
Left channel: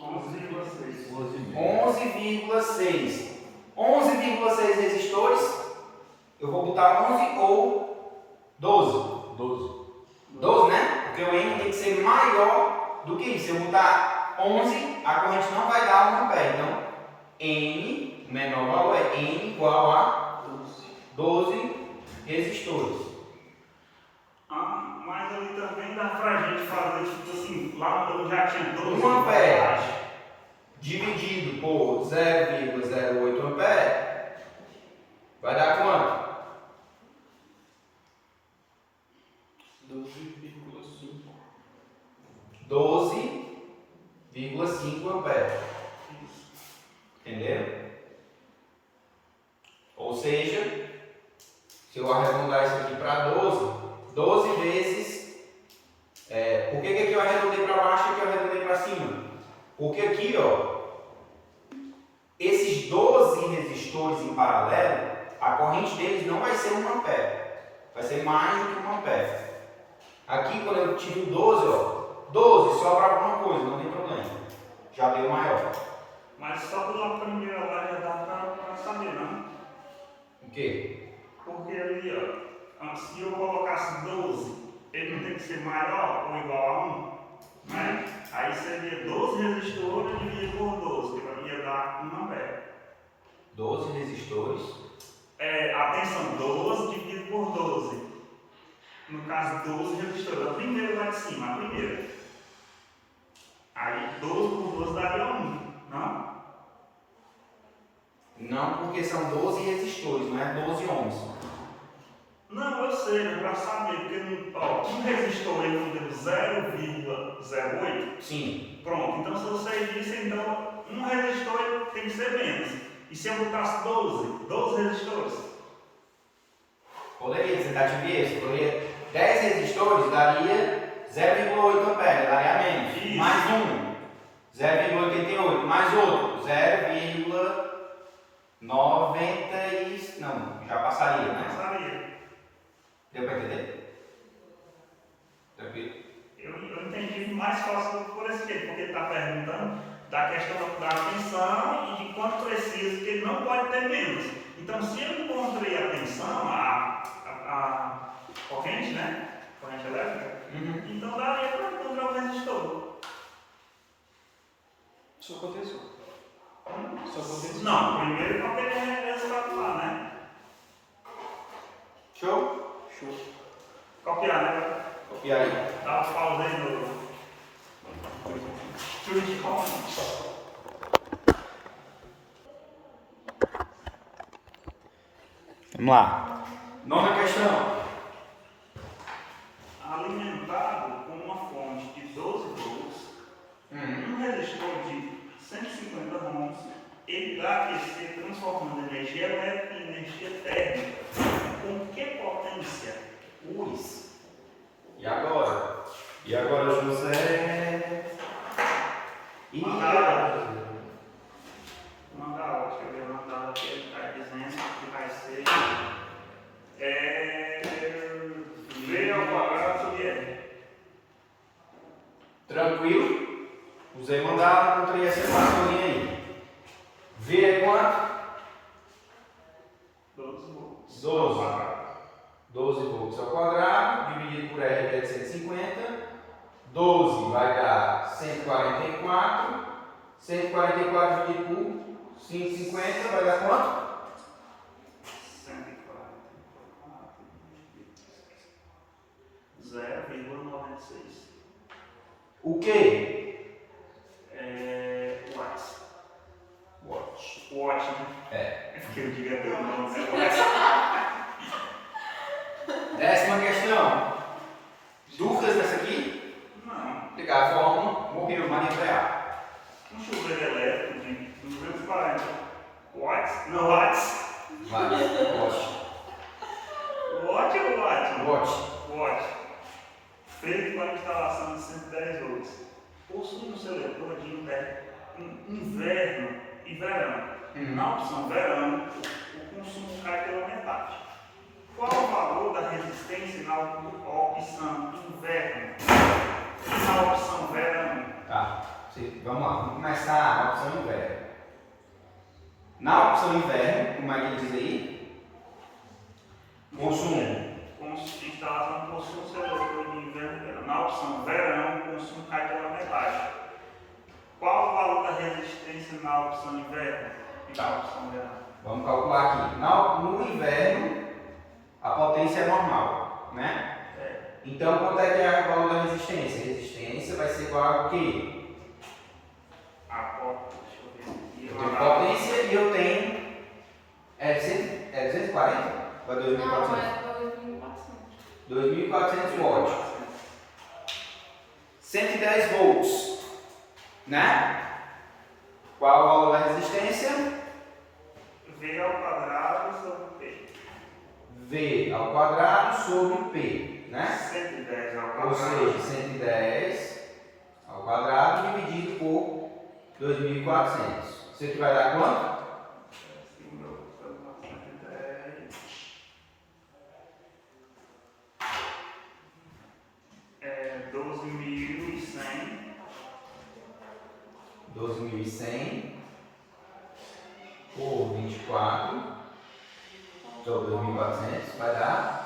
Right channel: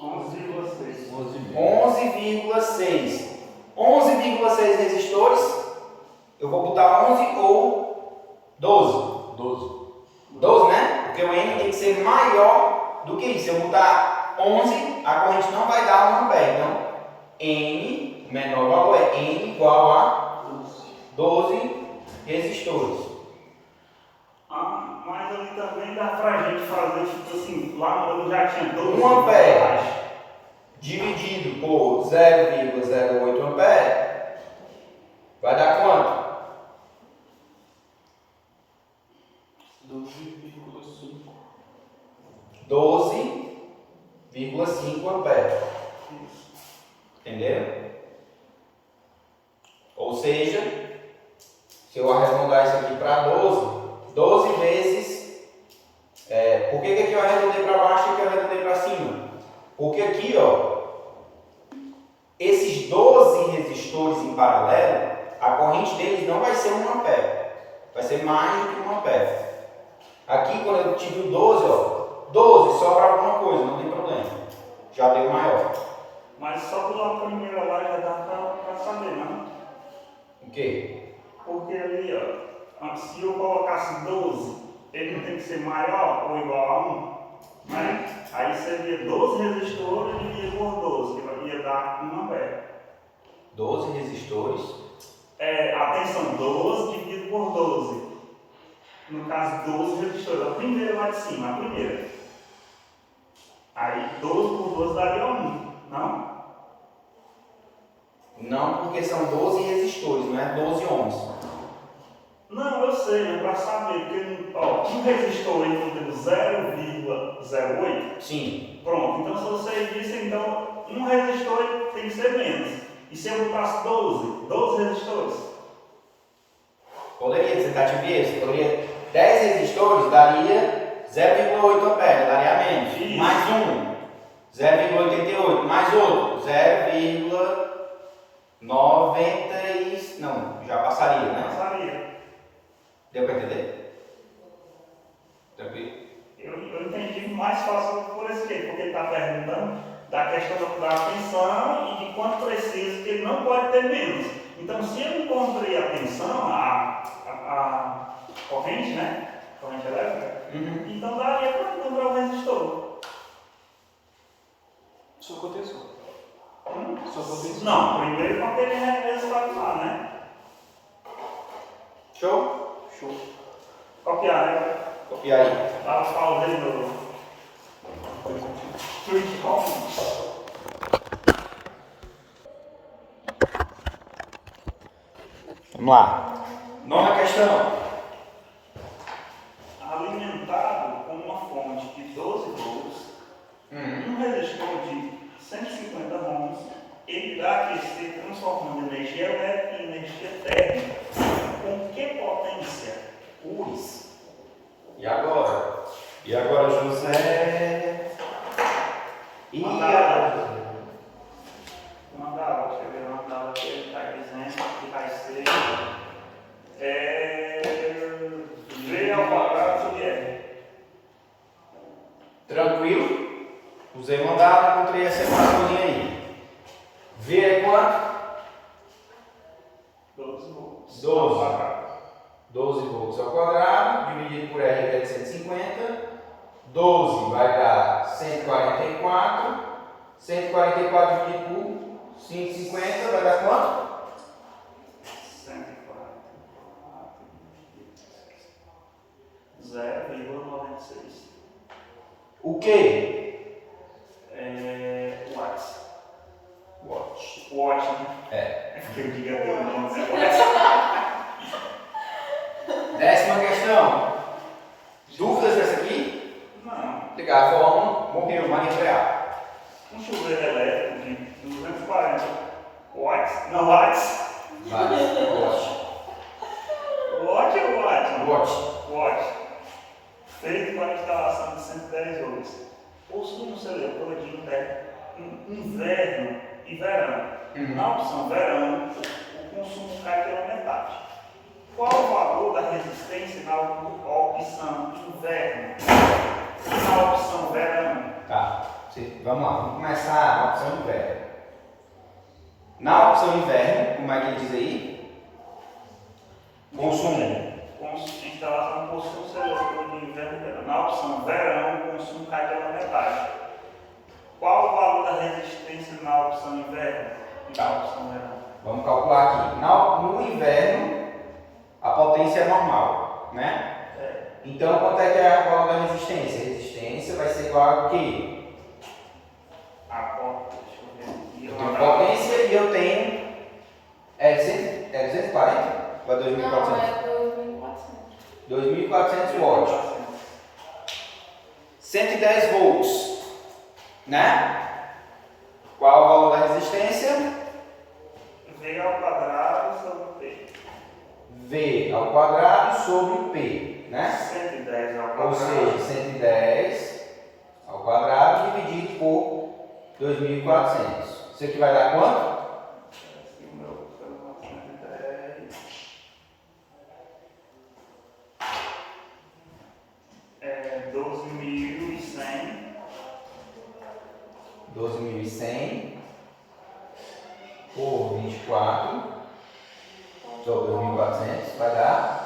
11,6. 11,6. 11,6 resistores. Eu vou botar 11 ou 12. 12, né? Porque o N tem que ser maior do que isso. Se eu botar 11, a corrente não vai dar 1 ampere. Então, N, o menor valor é N igual a 12 resistores. Mas ali também dá pra gente fazer, tipo assim, lá eu já tinha 12. 1 ampere dividido por 0,08 ampere vai dar quanto? 12,5 ampere. Entenderam? Ou seja, se eu arredondar isso aqui para 12 vezes. Por que aqui eu arredondei para baixo e aqui eu arredondei para cima? Porque aqui, ó, esses 12 resistores em paralelo, a corrente deles não vai ser 1 ampere, vai ser mais do que 1 ampere. Aqui, quando eu tive o 12, ó, 12 sobra alguma coisa, não tem problema, já deu maior. Mas só pela primeira lá já dá pra saber, não? O quê? Porque ali, ó, se eu colocasse 12, ele não tem que ser maior ou igual a 1, né? Aí seria 12 resistores dividido por 12, que ia dar 1 ampere. 12 resistores. Atenção, 12 dividido por 12. No caso, 12 resistores, a primeira lá de cima, a primeira. Aí 12 por 12 daria 1, não? Não, porque são 12 resistores, não é 12 ohms. Não, eu sei, mas para saber, porque ó, um resistor ele deu 0,08. Sim. Pronto, então se você disse, então um resistor tem que ser menos. E se eu botasse 12 resistores? Poderia ser tentativa isso. Poderia 10 resistores daria 0,8 ampere, daria menos. Isso. Mais um, 0,88. Mais outro, 0,90 e... Não, já passaria, né? Passaria. Deu para entender? Tranquilo? Eu entendi mais fácil por esse quê? Porque ele está perguntando da questão da tensão e de quanto precisa, que ele não pode ter menos. Então, se eu encontrei a tensão, a corrente, né? Corrente elétrica, então daria para encontrar o resistor. Só aconteceu. Só aconteceu. Não, primeiro quando ele é resultado lá, né? Show? Show. Copiar, né? Copia aí. Dá uma pausa aí no Street Home. Vamos lá. Nona questão. Alimentado com uma fonte de 12 volts, um resistor de 150 ohms, ele irá aquecer transformando energia elétrica em energia térmica. Com que potência? Ui. E agora? E agora, José? E agora? Manda aula, deixa eu ver uma aula que ele está dizendo que vai ser V ao quadrado sobre R. Tranquilo? Usei mandar, encontrei essa equaçãozinha aí. V é quanto? 12 volts. 12. 12 volts ao quadrado, dividido por R, que é de 150. 12 vai dar 144. 144 dividido por 550 vai dar quanto? 0,96. O que? Watts. Watt. Watt, né? É. Que eu diga teu nome. Décima questão. Dúvidas dessa aqui? Não. Ligar a fórmula, morreu, Maria Real. Um chuveiro elétrico de 240 watts. Não, watts. Vai, Watt. Watt ou watt? Watt. Watt. Feito para instalação de 110 volts. Possui um seletor de inverno e verão. Na opção verão, o consumo cai pela metade. Qual o valor da resistência na opção inverno e na opção verão? Tá. Vamos lá, vamos começar na opção inverno. Na opção inverno, como é que ele diz aí? Consumo. Instalação possui um seletor de inverno e verão. Na opção verão, o consumo cai pela metade. Qual o valor da resistência na opção inverno e na opção verão? Vamos calcular aqui. No inverno, a potência é normal, né? Então, quanto é que é o valor da resistência? A resistência vai ser igual a quê? Deixa eu ver aqui. Eu tenho potência e eu tenho... É 240? Ou é 2.400? Não, é 2.400. 2.400 watts. 110 volts, né? Qual é o valor da resistência? V ao quadrado sobre P. V ao quadrado sobre P, né? 110 ao quadrado. Ou seja, 110 ao quadrado dividido por 2.400. Isso aqui vai dar quanto? 12.100 por 24 sobre 2.400 vai dar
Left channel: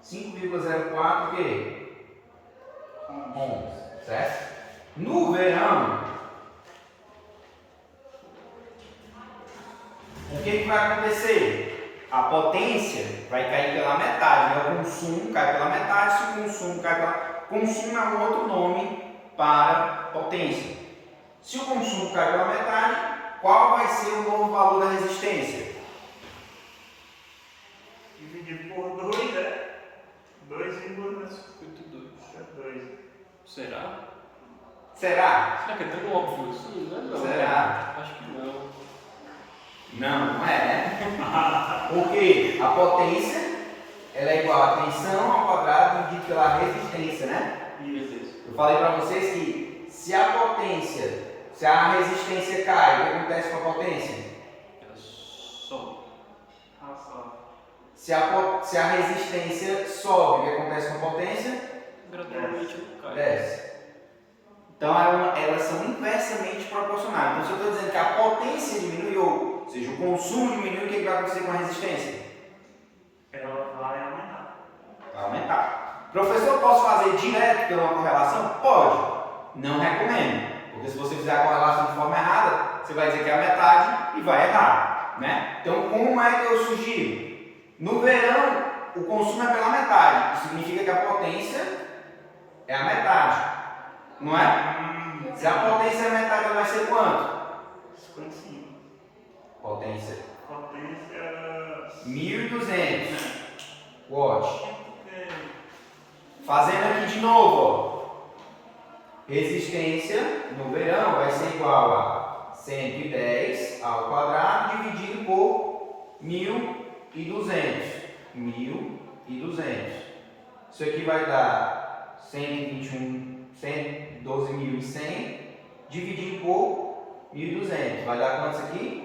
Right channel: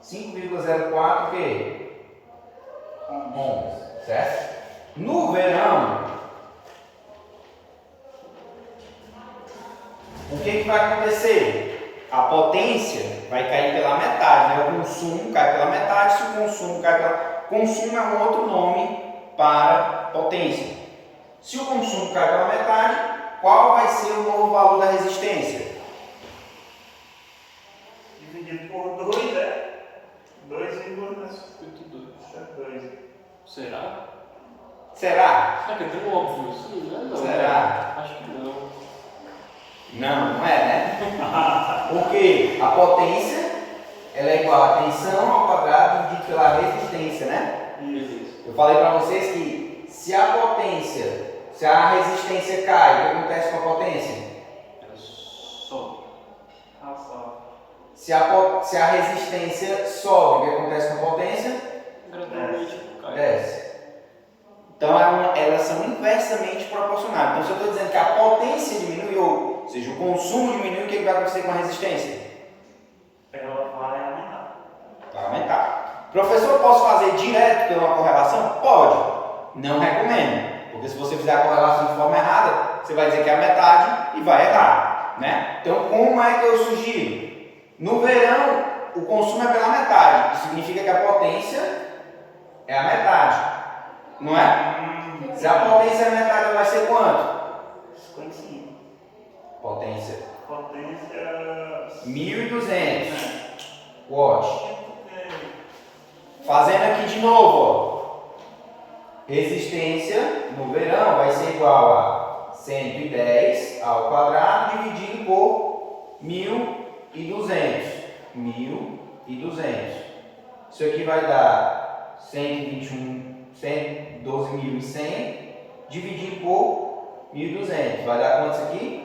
5,04 o quê? 11, certo? No verão, o que vai acontecer? A potência vai cair pela metade, né? O consumo cai pela metade. Se o consumo cai pela... Consumo é um outro nome para potência. Se o consumo cai pela metade, qual vai ser o novo valor da resistência? Dividido por 2 é 2,52. Será? Será? Será que é tão óbvio isso? Não, Será? Acho que não. Não é, né? Porque a potência ela é igual a tensão ao quadrado dividido pela resistência, né? Isso. Eu falei para vocês que se a resistência cai, o que acontece com a potência? Era só. Só. Se a resistência sobe, o que acontece com a potência? Gradualmente cai. Desce. Então elas são inversamente proporcionais. Então se eu estou dizendo que a potência diminuiu, ou seja, o consumo diminuiu, o que vai acontecer com a resistência? Ela vai aumentar. Vai aumentar. Professor, posso fazer direto pela uma correlação? Pode. Não recomendo. Porque se você fizer a correlação de forma errada, você vai dizer que é a metade e vai errar, né? Então, como é que eu sugiro? No verão, o consumo é pela metade. Isso significa que a potência é a metade. Não é? Se a potência é a metade, ela vai ser quanto? 55. Potência. Potência. 1.200 watts. Fazendo aqui de novo, ó. Resistência no verão vai ser igual a 110 ao quadrado dividido por 1.200. 1.200. Isso aqui vai dar 112.100 dividido por 1.200. Vai dar quanto isso aqui?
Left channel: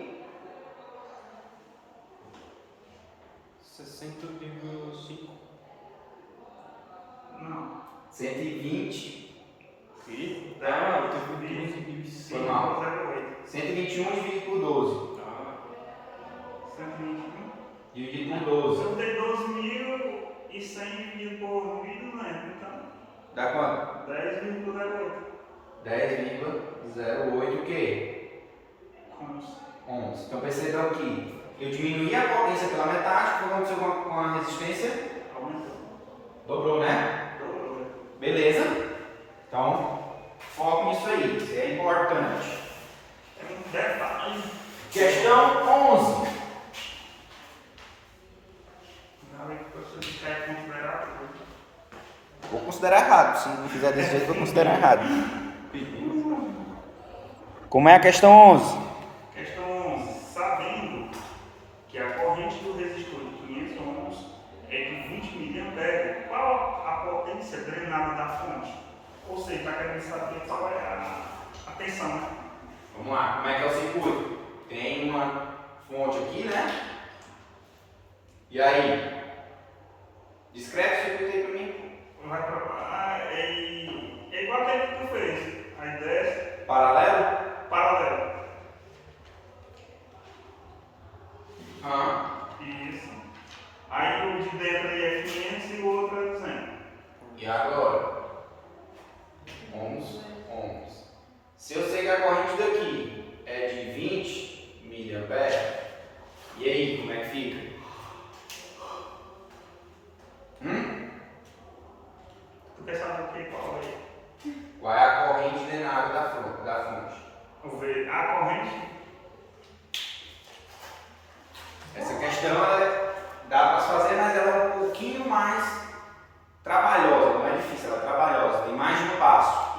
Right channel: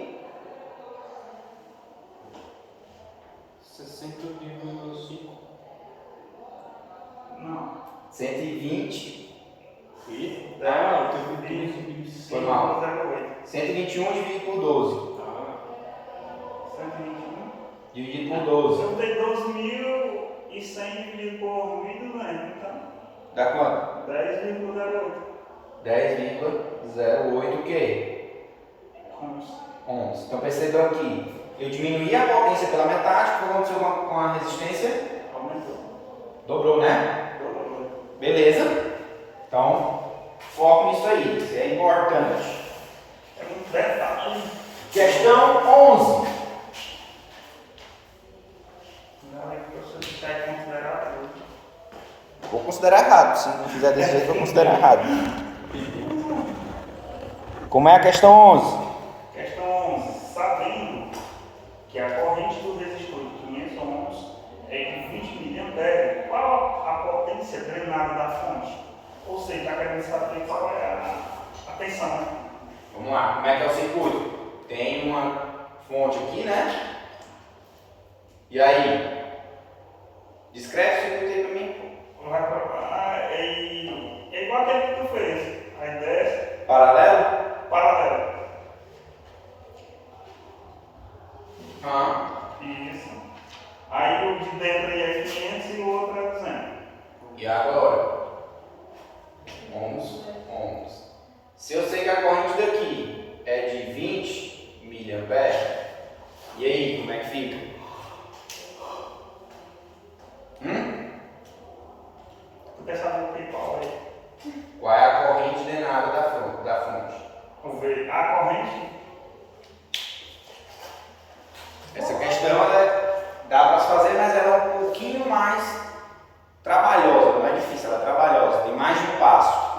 60,5. Não. 120. Eu tenho 15,5. Foi mal. 5,08. 121 dividido por 12. 121. Dividido por 12. Eu tenho 12.100 dividido por 1.200, então Dá quanto? 10,08. 10,08 o quê? 11. Então percebam que eu diminuí a potência pela metade, o que aconteceu com a resistência? Aumentou. Dobrou, né? Beleza? Então, foco nisso aí, isso é importante. É muito detalhe. Questão 11. Não é que você deixar de considerar tudo. Vou considerar errado, se não fizer desse jeito, vou considerar errado. Como é a questão 11? Questão 11. Sabendo que a corrente do resistor de 500 ohms é de 20 mA, qual a potência drenada da fonte? Ou seja, está querendo saber qual é a tensão, né? Vamos lá, como é que é o circuito? Tem uma fonte aqui, né? E aí? Descreve o circuito aí pra mim. Vai provar. É igual aquele que tu fez. Aí desce, Paralelo? paralelo. Ah. Isso. Aí o de dentro aí é 500 e o outro é 200. E agora? Ohms. Se eu sei que a corrente daqui é de 20 mA, e aí, como é que fica? Tu quer saber o que qual é? Qual é a corrente drenada da fonte? Vamos ver. A corrente. Essa questão dá para se fazer, mas ela é um pouquinho mais trabalhosa, não é difícil, ela é trabalhosa, tem mais de um passo.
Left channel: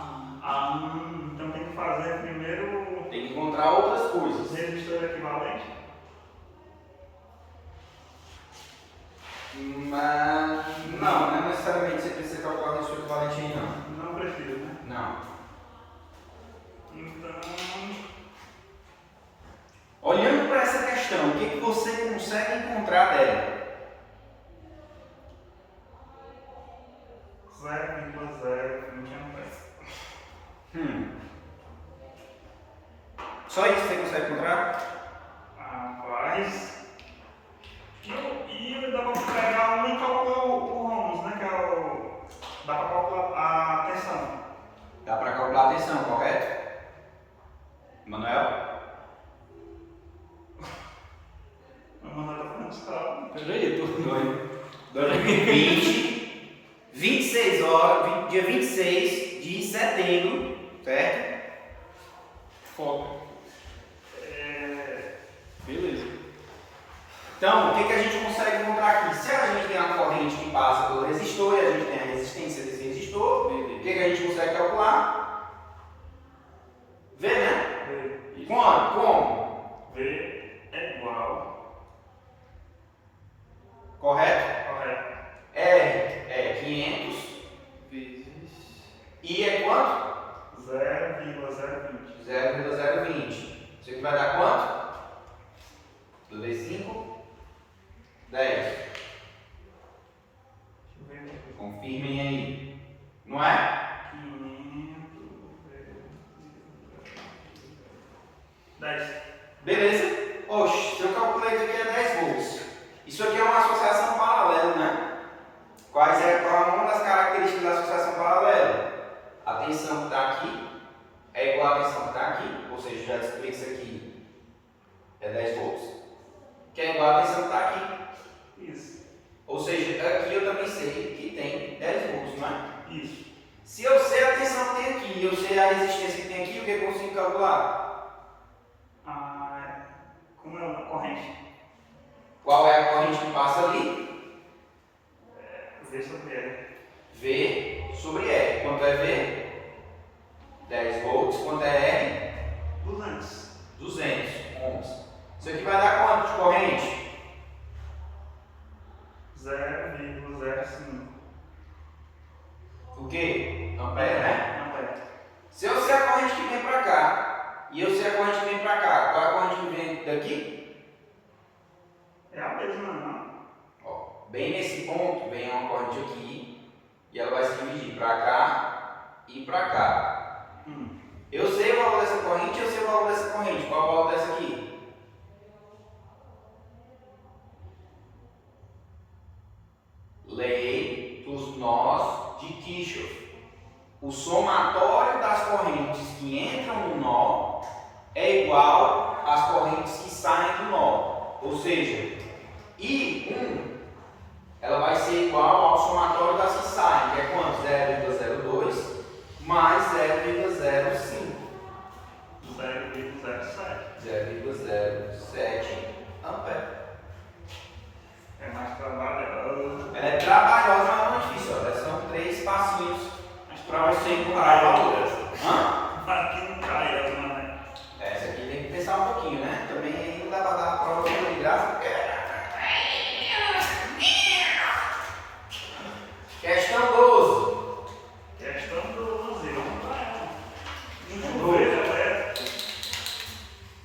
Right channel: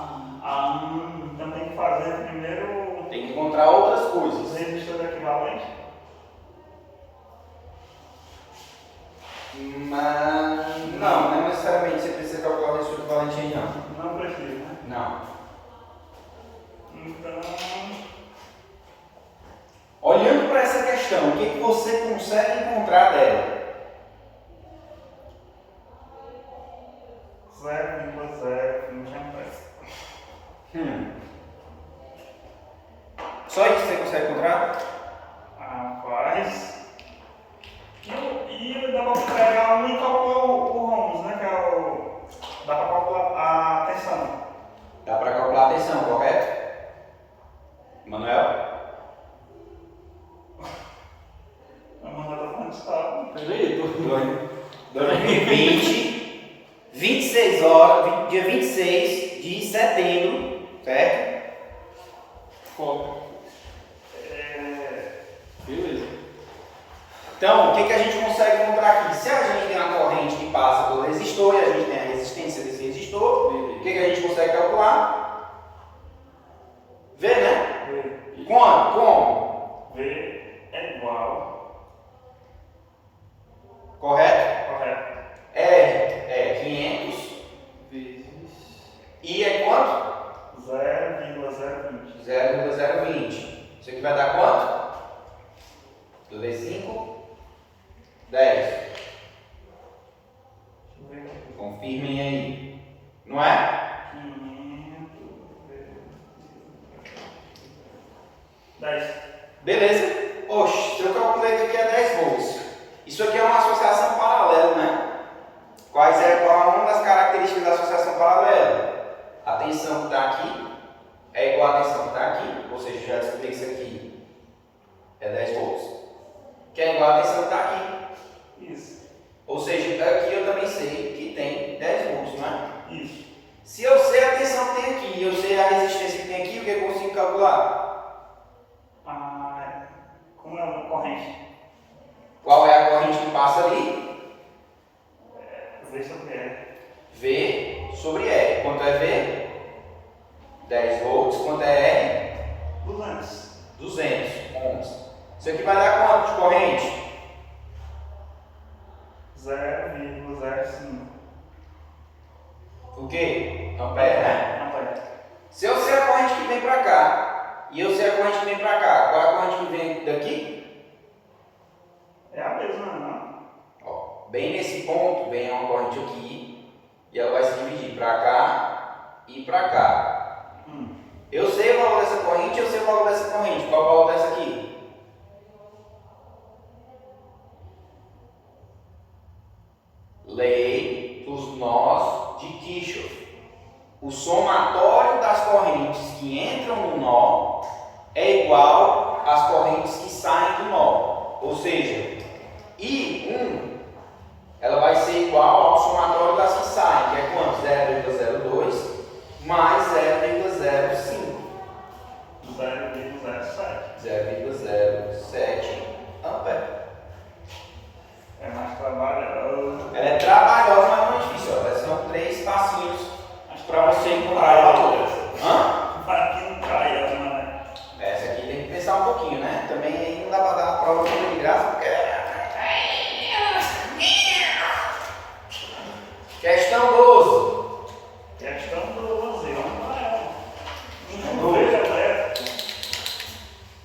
Então tem que fazer primeiro Tem que encontrar outras os coisas. resistores equivalentes. Mas não é necessariamente você precisa calcular o resistor equivalente aí não. Não precisa, né? Não. Então. Olhando para essa questão, o que você consegue encontrar dela? 0,020 amperes. Só isso você consegue encontrar? Rapaz. E dá para pegar um e calcular o ohms, né? Que é o. Dá para calcular a tensão. Dá para calcular a tensão, correto? Manuel? Vamos mandar para onde está. Peraí, eu tô 2020, 26 horas, dia 26 de setembro, certo? foco. Beleza. Então, o que a gente consegue encontrar aqui? Se a gente tem uma corrente que passa pelo resistor e a gente tem a resistência desse resistor, o que a gente consegue calcular? V, né? V. Quanto? Como? V é igual. Correto? Correto. R é 500. Vezes. I é quanto? 0,020. 0,020. Isso aqui vai dar quanto? 2 vezes 5? 10. Deixa eu ver. Confirmem aí. Não é? 500 10. Beleza? Oxe, se eu calculei que aqui é 10 volts. Isso aqui é uma associação paralela, né? Qual é uma das características da associação paralela? A tensão que está aqui é igual à tensão que está aqui. Ou seja, já descobri que isso aqui é 10 volts. Que é igual à tensão que está aqui. Isso. Ou seja, aqui eu também sei que tem 10 volts, não é? Isso. Se eu sei a tensão que tem aqui e eu sei a resistência que tem aqui, o que eu consigo calcular? Como é uma corrente? Qual é a corrente que passa ali? V sobre R. V sobre R. Quanto é V? 10 volts. Quanto é R? 200. 200 ohms. Isso aqui vai dar quanto de corrente? 0,05. O quê? Ampere, né? Ampere. Se eu sei a corrente que vem para cá e eu sei a corrente que vem para cá, qual é a corrente que vem daqui? É a mesma, não? Ó, bem nesse ponto vem uma corrente aqui e ela vai se dividir para cá e para cá. Eu sei o valor dessa corrente, eu sei o valor dessa corrente. Qual o valor dessa aqui? Lei dos nós de Kirchhoff. O somatório das correntes que entram no nó é igual às correntes que saem do nó. Ou seja, I1 ela vai ser igual ao somatório das que saem, que é quanto? 0,02 mais 0,05. 0,07 ampere. É mais trabalhoso. Ela é trabalhosa, mas não é difícil. Ó. São 3 passinhos para você encontrar o valor. Aqui não cai, né? Essa aqui tem que pensar um pouquinho, né? Também aí não dá para dar a prova toda de graça, porque... Questão 12. Questão 12, vamos lá. Um chuveiro elétrico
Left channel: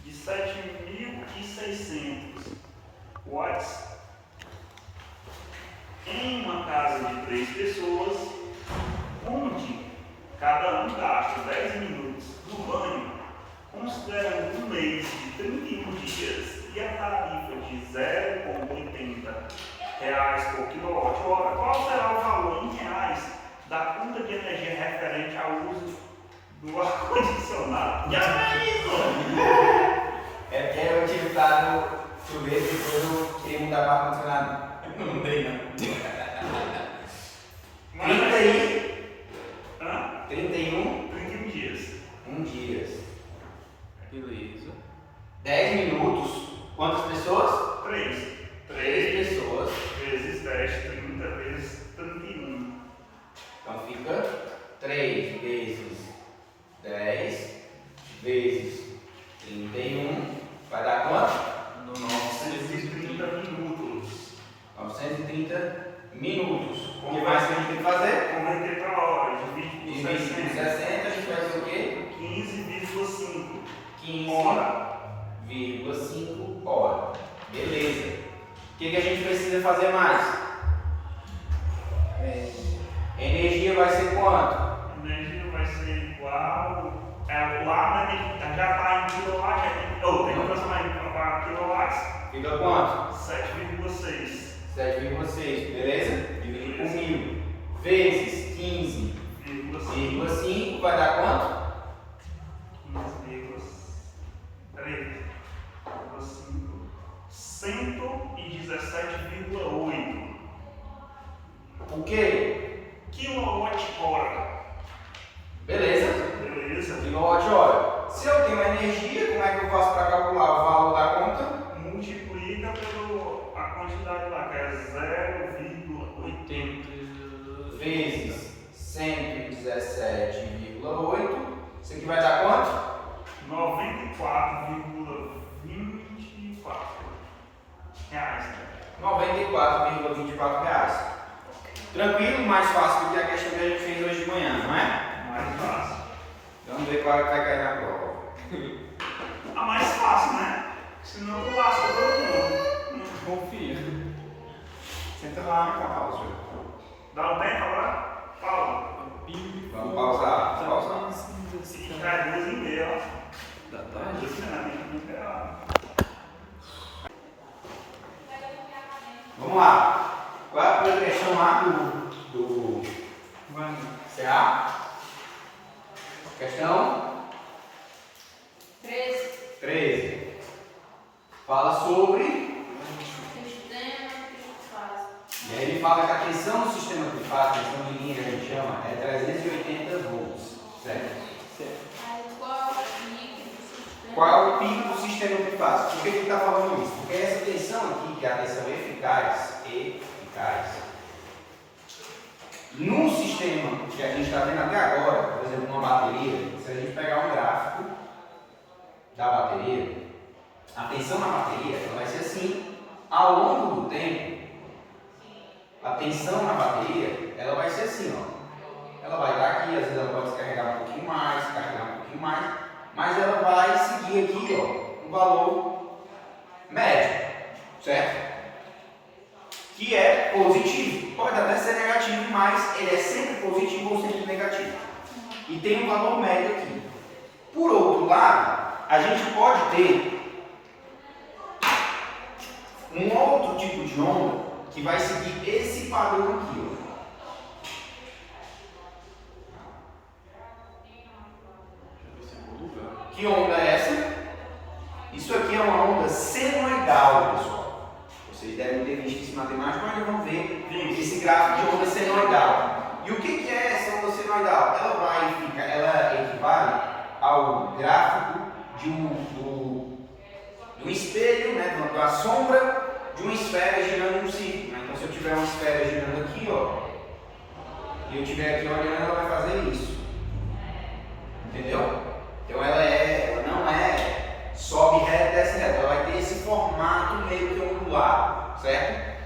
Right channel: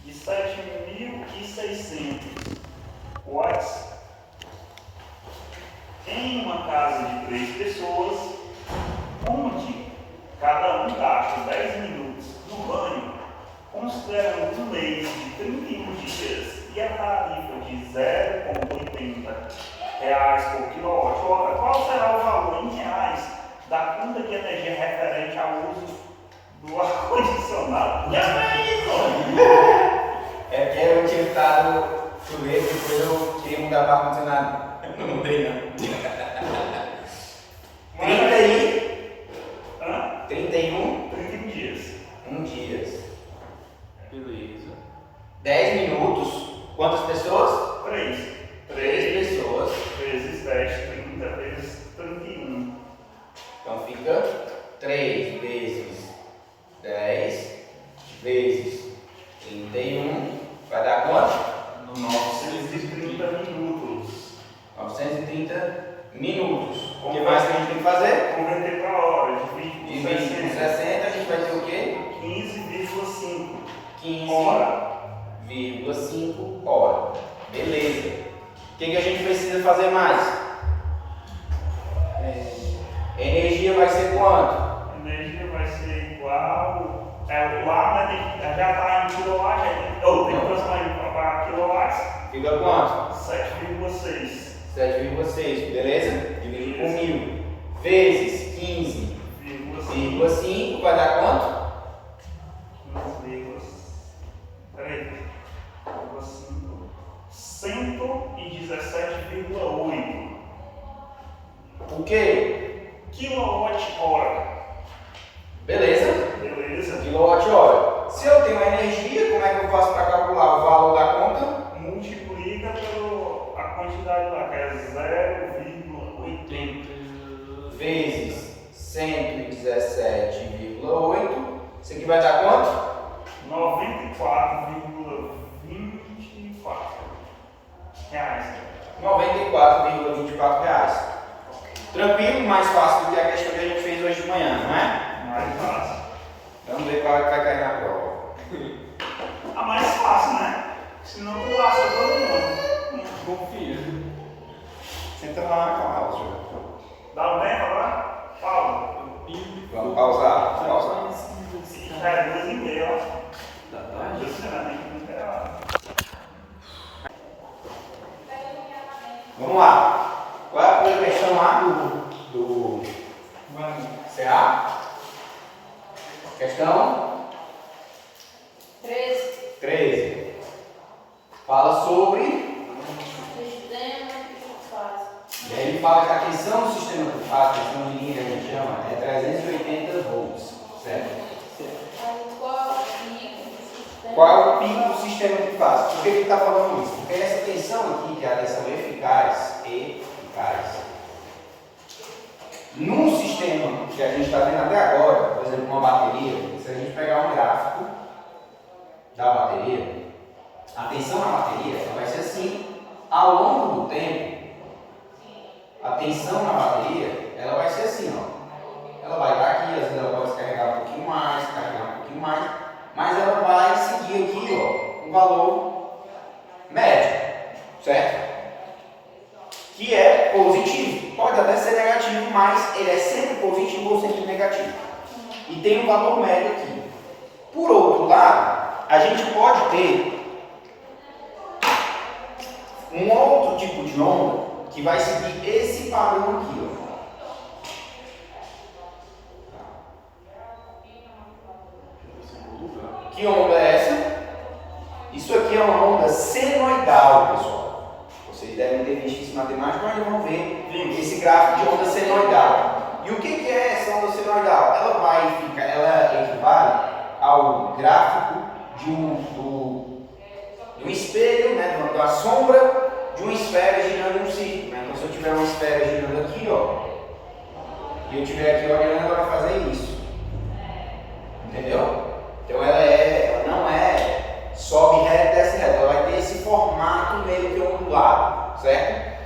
de 7.600 watts em uma casa de 3 pessoas, onde cada um gasta 10 minutos no banho, considerando um mês de 31 dias e a tarifa de R$ 0,80 por quilowatt-hora, qual será o valor em reais da conta de energia referente ao uso do ar-condicionado? Já é isso! É porque eu tinha estado chuveiro e depois eu queria mudar para ar-condicionado. Não mudei não. 31 dias. 1 dias. Beleza. 10 minutos. Quantas pessoas? 3 3 pessoas. vezes 10, 30 vezes 31. Então fica 3 vezes 10 vezes 31. Vai dar quanto? 930 minutos. 930 minutos. O que mais que a gente tem que fazer? Converter para hora, divide por Divide por 60. 60, a gente vai ter o quê? 15,5 15,5 hora. Beleza. O que a gente precisa fazer mais? Energia vai ser quanto? A energia vai ser igual. Lá já está em quilowatt, tem que transformar para quilowatts. Fica quanto? 7,6. 7,6, beleza? Dividido por 1000. Vezes 15,5 vai dar quanto? 117,8. O quê? Quilowatt-hora. Beleza? Beleza? Quilowatt-hora. Se eu tenho energia, como é que eu faço para calcular o valor da conta? Multiplica pela quantidade lá, que é 0,80. Vezes 117,8. Isso aqui vai dar quanto? 94,24 reais. R$94,24. Tranquilo, mais fácil do que a questão que a gente fez hoje de manhã, não é? Mais fácil. Vamos ver qual é que vai cair na prova. A mais fácil, né? Senão tu lasca todo mundo. Confia. Senta lá na pausa. Dá um tempo agora? Paulo. Vamos pausar. Pausa. Já é 2h30, ó. Da tarde? 2h30. Vamos lá. Qual é a primeira questão lá do CA? Questão 13. Fala sobre. Sistema trifásico. E aí ele fala que a tensão do sistema trifásico, a tensão de linha que a gente chama, é 380 volts. Certo? Mas qual é o pico do sistema? Qual é o pico do sistema trifásico? Por que ele está falando isso? Porque essa tensão aqui, que é a tensão eficaz, num sistema que a gente está vendo até agora, por exemplo, uma bateria, se a gente pegar um gráfico da bateria, a tensão na bateria ela vai ser assim. Ao longo do tempo, a tensão na bateria ela vai ser assim, ó. Ela vai estar aqui, às vezes ela pode se carregar um pouquinho mais, mas ela vai seguir aqui, ó, um valor médio, certo? Que é positivo. Pode até ser negativo, mas ele é sempre positivo ou sempre negativo. E tem um valor médio aqui. Por outro lado, a gente pode ter um outro tipo de onda que vai seguir esse padrão aqui, ó. Que onda é essa? Isso aqui é uma onda senoidal, pessoal. Vocês devem ter visto isso em matemática, mas vamos ver esse gráfico de onda senoidal. E o que é essa onda senoidal? Ela equivale ao gráfico do espelho, né, da sombra de uma esfera girando em um círculo. Né? Então, se eu tiver uma esfera girando aqui, ó, e eu estiver aqui olhando, ela vai fazer isso. Entendeu? Então, ela não é sobe reto, desce reto. Ela vai ter esse formato meio que ondulado, certo?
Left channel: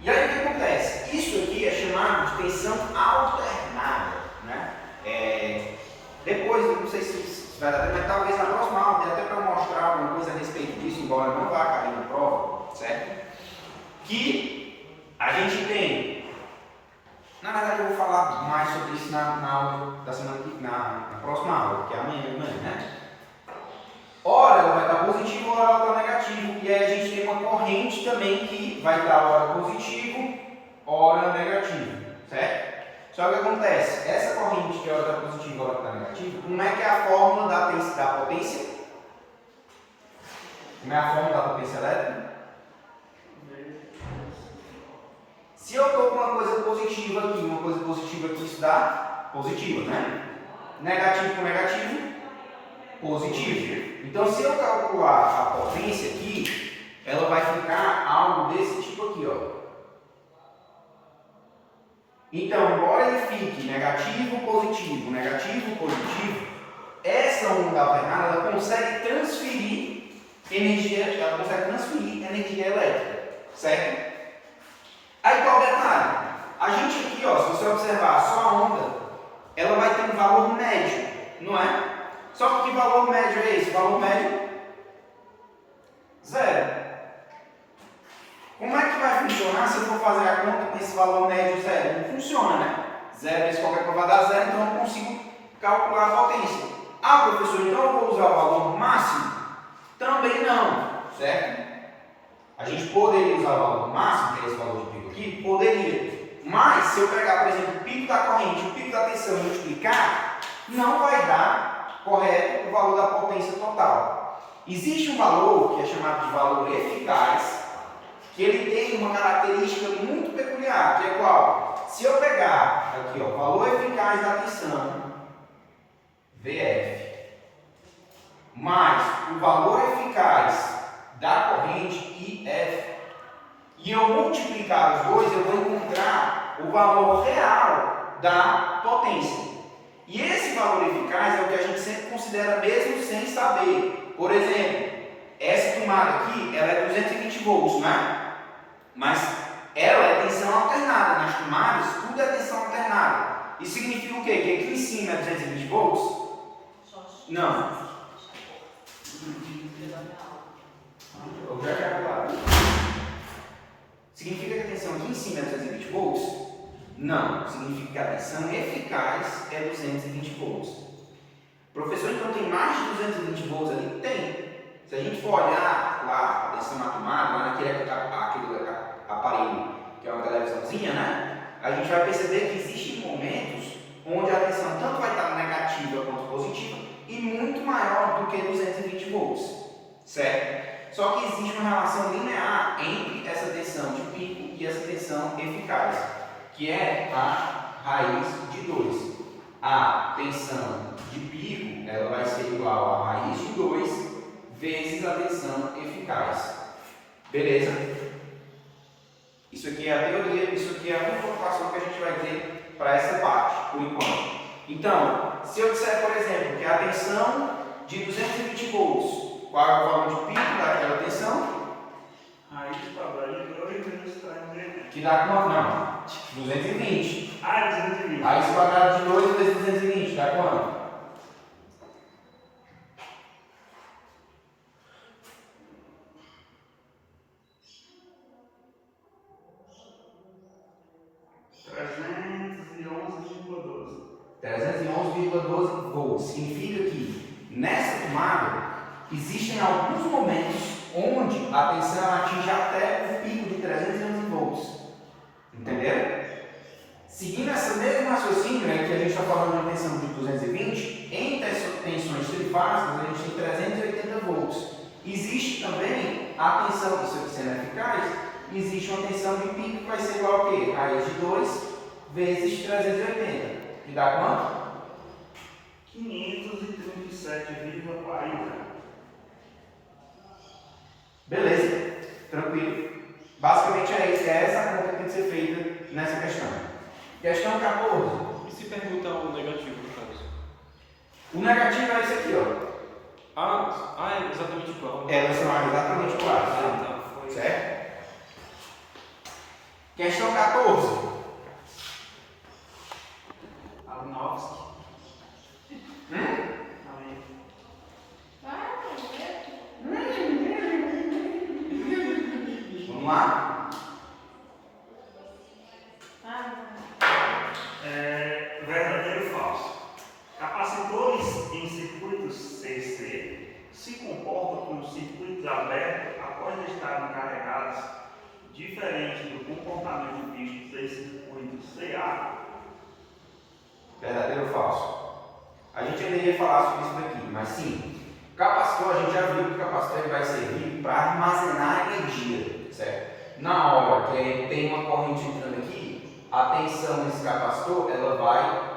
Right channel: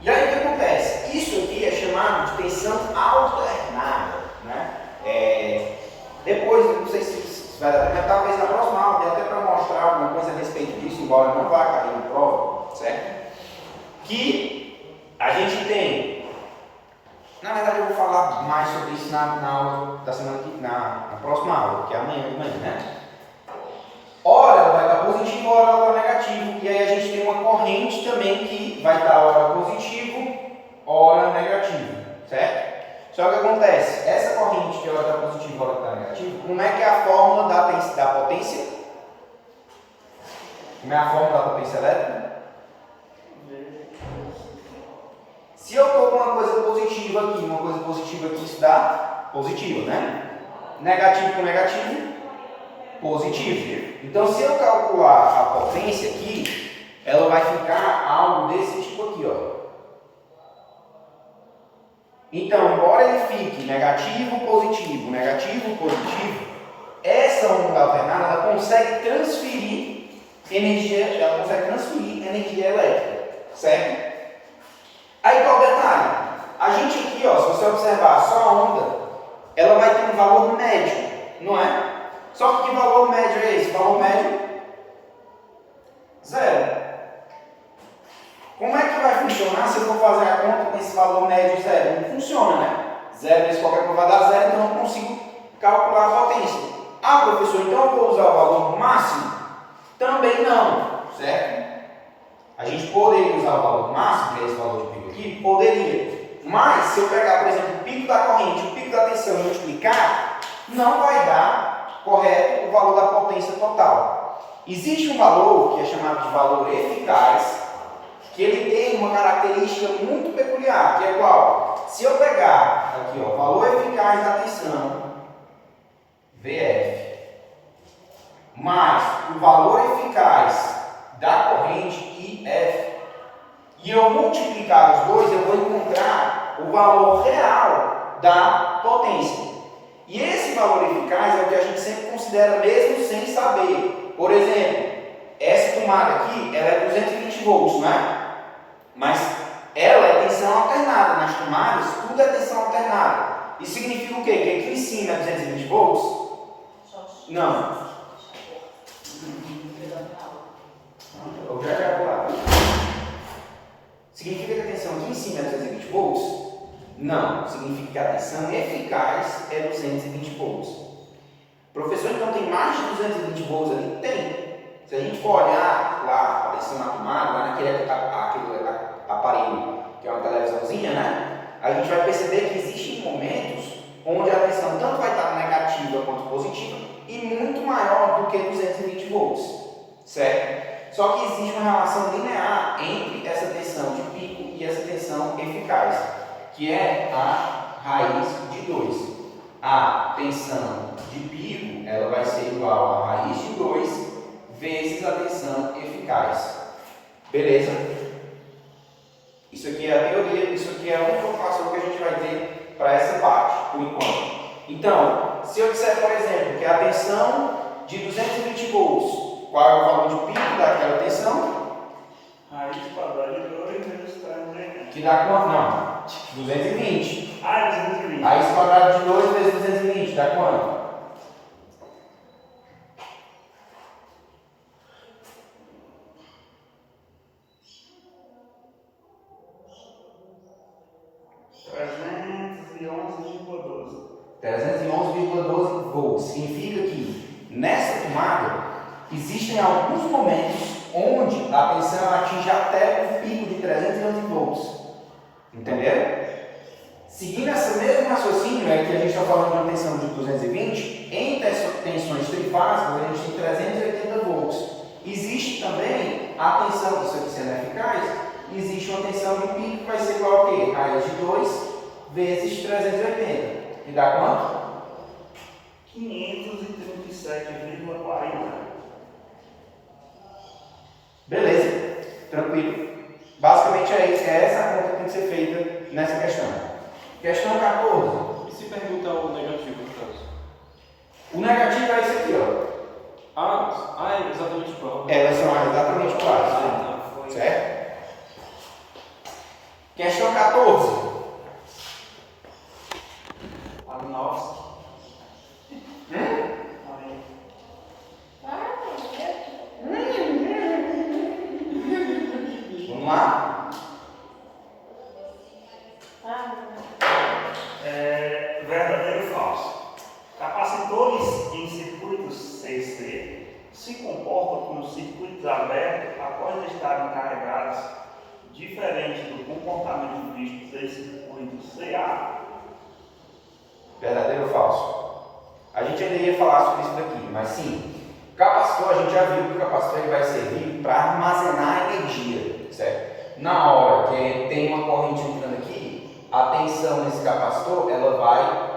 E aí, o que acontece? Isso aqui é chamado de tensão alternada, né? Depois, não sei se vai dar tempo, mas talvez na próxima aula dê até para mostrar alguma coisa a respeito disso, embora não vá cair na prova, certo? Que a gente tem, na verdade eu vou falar mais sobre isso na aula da semana que na próxima aula, que é amanhã de manhã, né? Ora ela vai estar positivo, ora ela está negativo, e aí a gente tem uma corrente também que vai estar ora positivo, ora negativo, certo? Só que o que acontece? Essa corrente que ora está positiva, ora está negativo, como é que é a fórmula da potência? Como é a fórmula da potência elétrica? Se eu estou com uma coisa positiva aqui, isso dá positiva, né? Negativo com negativo, positivo. Então, se eu calcular a potência aqui, ela vai ficar algo desse tipo aqui, ó. Então, embora ele fique negativo, positivo, essa onda alternada ela consegue transferir energia elétrica, certo? Aí qual o detalhe? A gente aqui, ó, se você observar só a onda, ela vai ter um valor médio, não é? Só que valor médio é esse? Valor médio? 0. Como é que vai funcionar se eu for fazer a conta com esse valor médio 0? Não funciona, né? 0 vezes qualquer coisa vai dar 0, então eu não consigo calcular a potência. Ah, professor, então eu vou usar o valor máximo? Também não, certo? A gente poderia usar o valor máximo, que é esse valor de pico aqui? Poderia. Mas, se eu pegar, por exemplo, o pico da corrente, o pico da tensão e multiplicar, não vai dar correto o valor da potência total. Existe um valor que é chamado de valor eficaz, que ele tem uma característica muito peculiar, que é qual? Se eu pegar aqui, ó, o valor eficaz da tensão, VF, mais o valor eficaz da corrente, IF, e eu multiplicar os dois, eu vou encontrar o valor real da potência. E esse valor eficaz é o que a gente sempre considera mesmo sem saber. Por exemplo, essa tomada aqui, ela é 220 volts, não é? Mas ela é tensão alternada. Nas tomadas, tudo é tensão alternada. Isso significa o quê? Que aqui em cima é 220 volts? Não. Significa que a tensão aqui em cima é 220 volts? Não. Significa que a tensão eficaz é 220 volts. Professor, então tem mais de 220 volts ali? Tem. Se a gente for olhar lá a tensão na tomada, lá naquele aparelho que é uma televisãozinha, né? A gente vai perceber que existem momentos onde a tensão tanto vai estar negativa quanto positiva e muito maior do que 220 volts, certo? Só que existe uma relação linear entre essa tensão de pico e essa tensão eficaz, que é a raiz de 2. A tensão de pico ela vai ser igual a raiz de 2 vezes a tensão eficaz. Beleza? Isso aqui é a teoria, isso aqui é a informação que a gente vai ter para essa parte, por enquanto. Então, se eu disser, por exemplo, que a tensão de 220 volts, qual é o valor de pico daquela tensão? Raiz quadrada de 2 vezes 320. Que dá quanto? Não, 220. 220. Raiz quadrada de 2 vezes 220, dá quanto? $311,12. 311,12 volts. Significa que nessa tomada, existem alguns momentos onde a tensão atinge até o pico de 311 volts. Entenderam? Seguindo esse mesmo raciocínio, é que a gente está falando de uma tensão de 220, em tensões trifásicas a gente tem 380 volts. Existe também a tensão, isso aqui sendo eficaz, existe uma tensão de pico que vai ser igual a quê? Raiz de 2 vezes 380. E dá quanto? 537,40. Beleza, tranquilo. Basicamente é isso, é essa a conta que tem que ser feita nessa questão. Questão 14. E se perguntar o negativo, no caso? O negativo é esse aqui, ó. É exatamente igual. Elas são exatamente iguais, Tá, foi. certo? Questão 14. Alinowski. Ali. Vamos lá? Verdadeiro ou falso? Capacitores em circuitos CC se comportam como circuitos abertos após estarem carregados, diferente do comportamento visto em circuitos CA. Verdadeiro ou falso? A gente ainda ia falar sobre isso daqui, mas sim. O capacitor, a gente já viu que o capacitor ele vai servir para armazenar energia, certo? Na hora que tem uma corrente entrando aqui, a tensão desse capacitor ela vai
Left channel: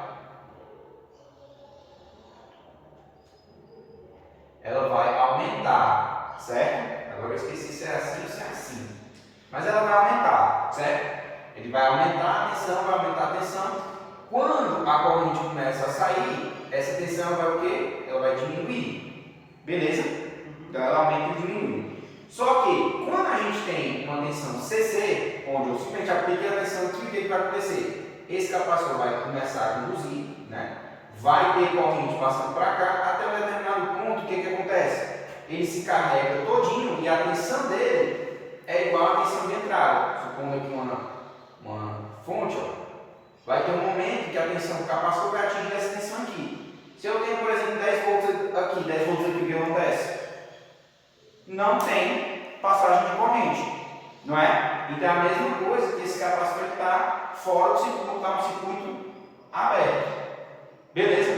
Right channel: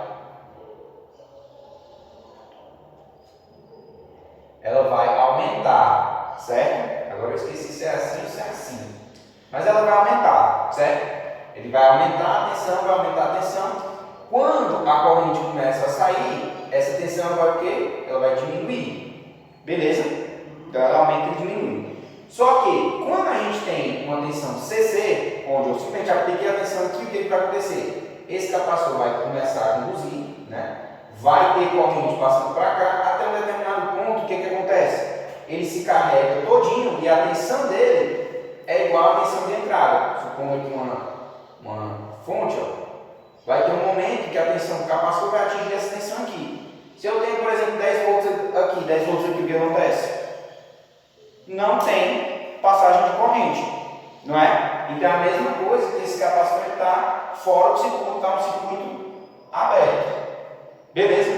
aumentar, certo? Agora eu esqueci se é assim ou se é assim. Mas ela vai aumentar, certo? Ele vai aumentar a tensão, vai aumentar a tensão. Quando a corrente começa a sair, essa tensão vai o quê? Ela vai diminuir. Beleza? Então ela aumenta e diminui. Só que quando a gente tem uma tensão CC, onde eu simplesmente apliquei a tensão aqui, o que vai acontecer? Esse capacitor vai começar a conduzir, né? Vai ter corrente passando para cá, até um determinado ponto, o que acontece? Ele se carrega todinho e a tensão dele é igual à tensão de entrada. Supondo aqui uma fonte, ó. Vai ter um momento que a tensão do capacitor vai atingir essa tensão aqui. Se eu tenho, por exemplo, 10 volts aqui, 10 volts aqui, o que acontece? Não tem passagem de corrente, não é? Então é a mesma coisa que esse capacitor está fora do circuito, está um circuito aberto. Beleza?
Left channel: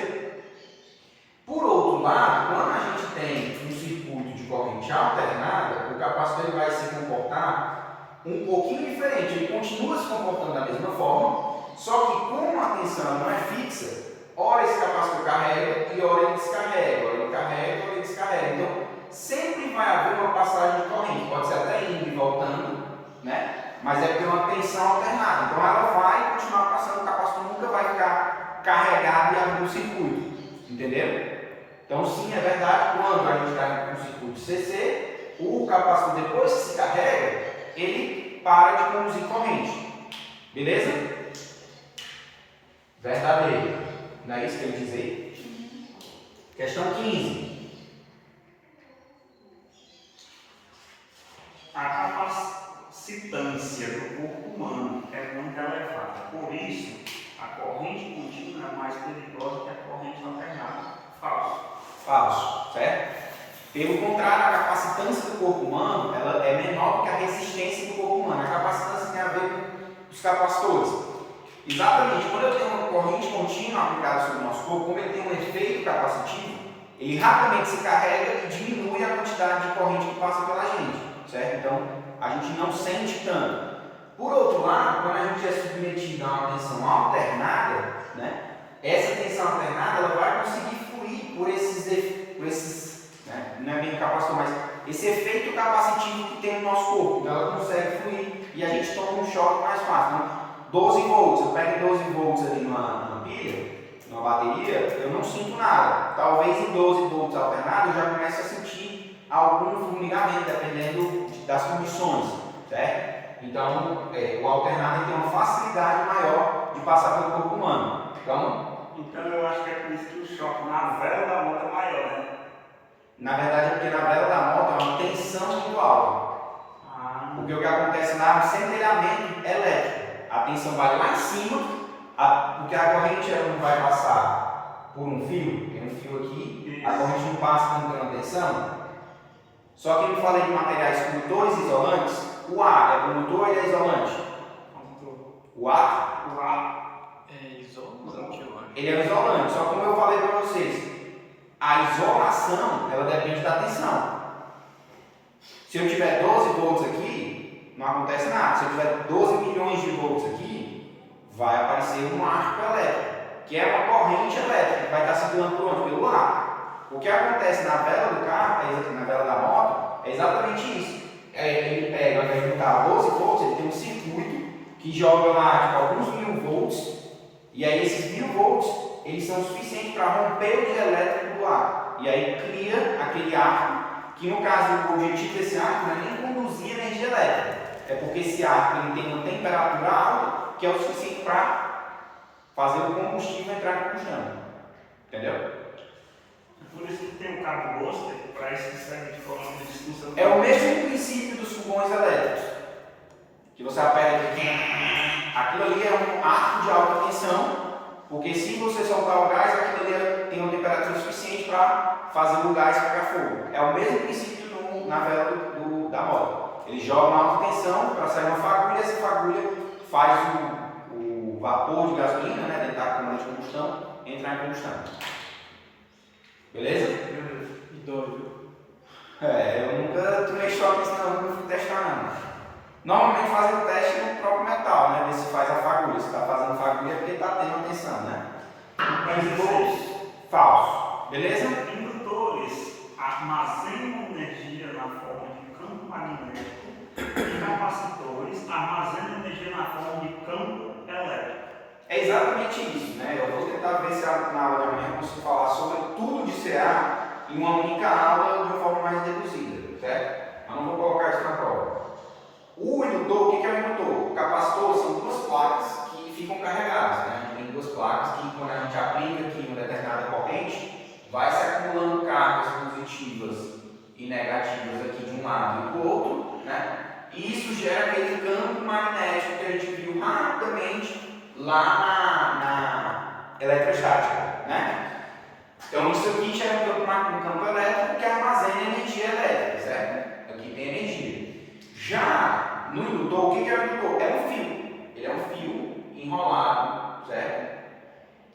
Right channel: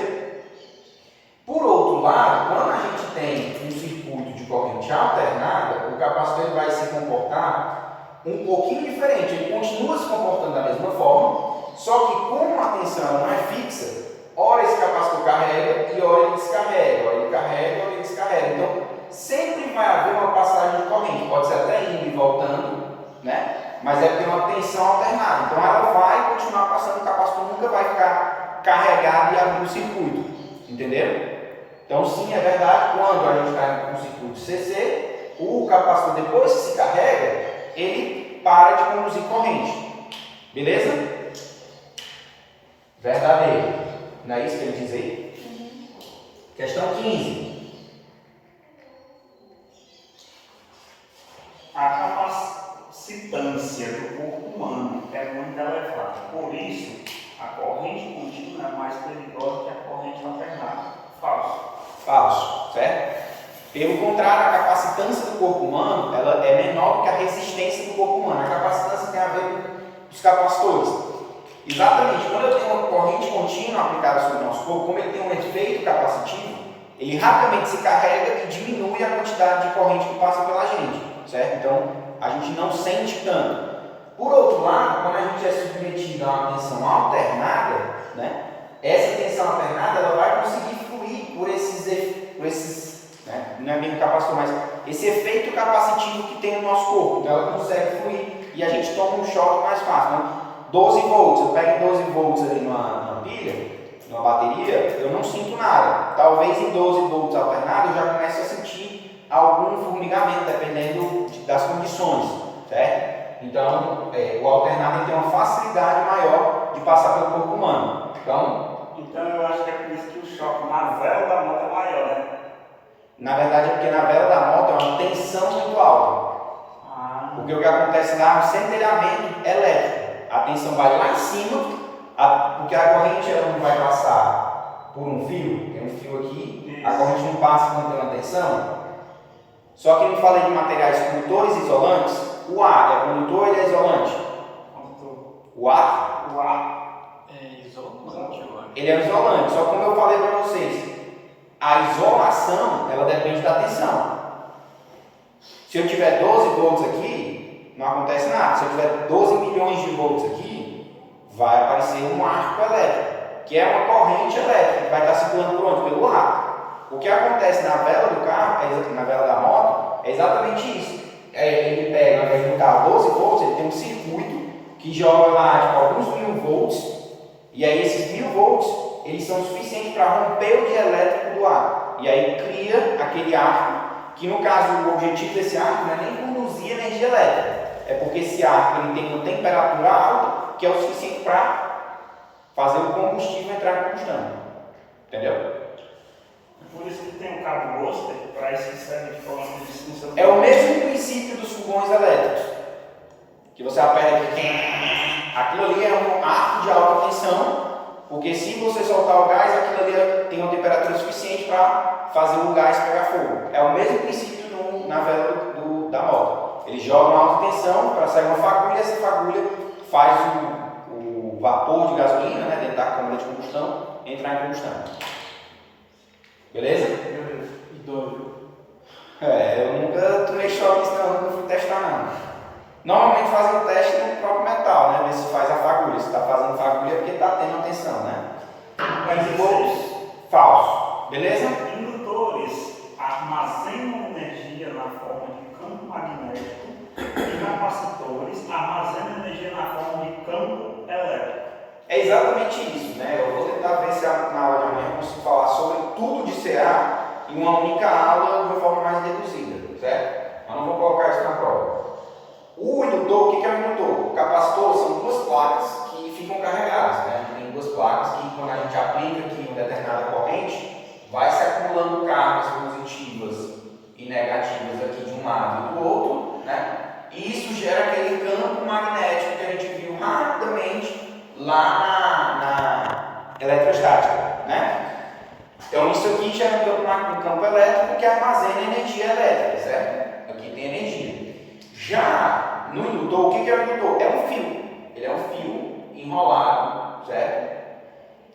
Por outro lado, quando a gente tem um circuito de corrente alternada, o capacitor ele vai se comportar um pouquinho diferente. Ele continua se comportando da mesma forma, só que como a tensão não é fixa, ora esse capacitor carrega e ora ele descarrega, ora ele carrega, ora ele descarrega. Então, sempre vai haver uma passagem de corrente, pode ser até indo e voltando, né? Mas é porque é uma tensão alternada. Então, ela vai continuar passando, o capacitor nunca vai ficar carregado e abrir o circuito. Entenderam? Então, sim, é verdade, quando a gente está com o circuito CC, o capacitor, depois que se carrega, ele para de conduzir corrente. Beleza? Verdadeiro. Não é isso que ele diz aí? Questão 15. A capacitância do corpo humano é muito elevada. Por isso, a corrente contínua é mais perigosa que a corrente alternada. Falso. Falso, certo? Pelo contrário, a capacitância do corpo humano ela é menor do que a resistência do corpo humano. A capacitância tem a ver com os capacitores. Exatamente, quando eu tenho uma corrente contínua aplicada sobre o nosso corpo, como ele tem um efeito capacitivo, ele rapidamente se carrega e diminui a quantidade de corrente que passa pela gente, certo? Então, a gente não sente tanto. Por outro lado, quando a gente é submetido a uma tensão alternada, né, essa tensão alternada ela vai conseguir fluir por esses né, não é bem capacitor, mas esse efeito capacitivo que tem no nosso corpo. Então, ela consegue fluir e a gente toma um choque mais fácil. Então, 12 volts, eu pego 12 volts ali numa pilha, numa bateria, eu não sinto nada. Talvez em 12 volts alternado eu já comece a sentir algum formigamento, dependendo das condições, certo? Então, o alternado tem uma facilidade maior de passar pelo corpo humano. Então eu acho que é por isso que o choque na vela da moto é maior, né? Na verdade, é porque na vela da moto é uma tensão muito alta. Porque o que acontece lá é um centelhamento elétrico. A tensão vai lá em cima, porque a corrente ela não vai passar por um fio, tem um fio aqui, Isso. a corrente não passa quando tem uma tensão. Só que eu não falei de materiais condutores e isolantes. O ar é condutor ou ele é isolante? O ar, O ar É isolante, eu acho. ele é isolante. Só que como eu falei para vocês, a isolação, ela depende da tensão. Se eu tiver 12 volts aqui, não acontece nada. Se eu tiver 12 milhões de volts aqui, vai aparecer um arco elétrico, que é uma corrente elétrica, que vai estar circulando por onde? Pelo ar. O que acontece na vela do carro, na vela da moto, é exatamente isso. Ele pega, ao invés de botar 12 volts, ele tem um circuito que joga lá tipo, alguns 1000 volts, e aí esses 1000 volts, eles são suficientes para romper o dielétrico do ar. E aí cria aquele arco, que no caso o objetivo desse arco não é nem conduzir energia elétrica, é porque esse arco ele tem uma temperatura alta, que é o suficiente para fazer o combustível entrar em combustão. Entendeu? Por isso que tem o cabo Boster, para isso que serve de forma de distinção. É o mesmo princípio dos fogões elétricos. Que você aperta aqui, aquilo ali é um arco de alta tensão, porque se você soltar o gás, aquilo ali tem uma temperatura suficiente para fazer o gás pegar fogo. É o mesmo princípio na vela da moto. Eles jogam alta tensão para sair uma fagulha, e essa fagulha faz o vapor de gasolina, né, dentro da câmara de combustão, entrar em combustão. Beleza? Beleza. E dói. Eu nunca tomei choque nisso, não, nunca fui testar não. Normalmente fazem o teste no próprio metal, né? Ver se faz a fagulha. Se está fazendo fagulha é porque está tendo tensão, né? Mas Depois, falso. Beleza? indutores armazenam energia na forma de campo magnético e capacitores armazenam energia na forma de campo elétrico. É exatamente isso, né? Eu vou tentar ver se na aula de amanhã eu consigo falar sobre tudo de CA em uma única aula de uma forma mais reduzida, certo? Mas não vou colocar isso na prova. O indutor, o que é o indutor? O capacitor são duas placas que ficam carregadas, né? A gente tem duas placas que quando a gente aplica aqui uma determinada corrente, vai se acumulando cargas positivas e negativas aqui de um lado e do outro, né? E isso gera aquele campo magnético que a gente viu rapidamente lá na eletrostática, né? Então isso aqui gera um campo elétrico que armazena energia elétrica, certo? Aqui tem energia. Já no indutor, o que é o indutor? É um fio. Ele é um fio enrolado, certo?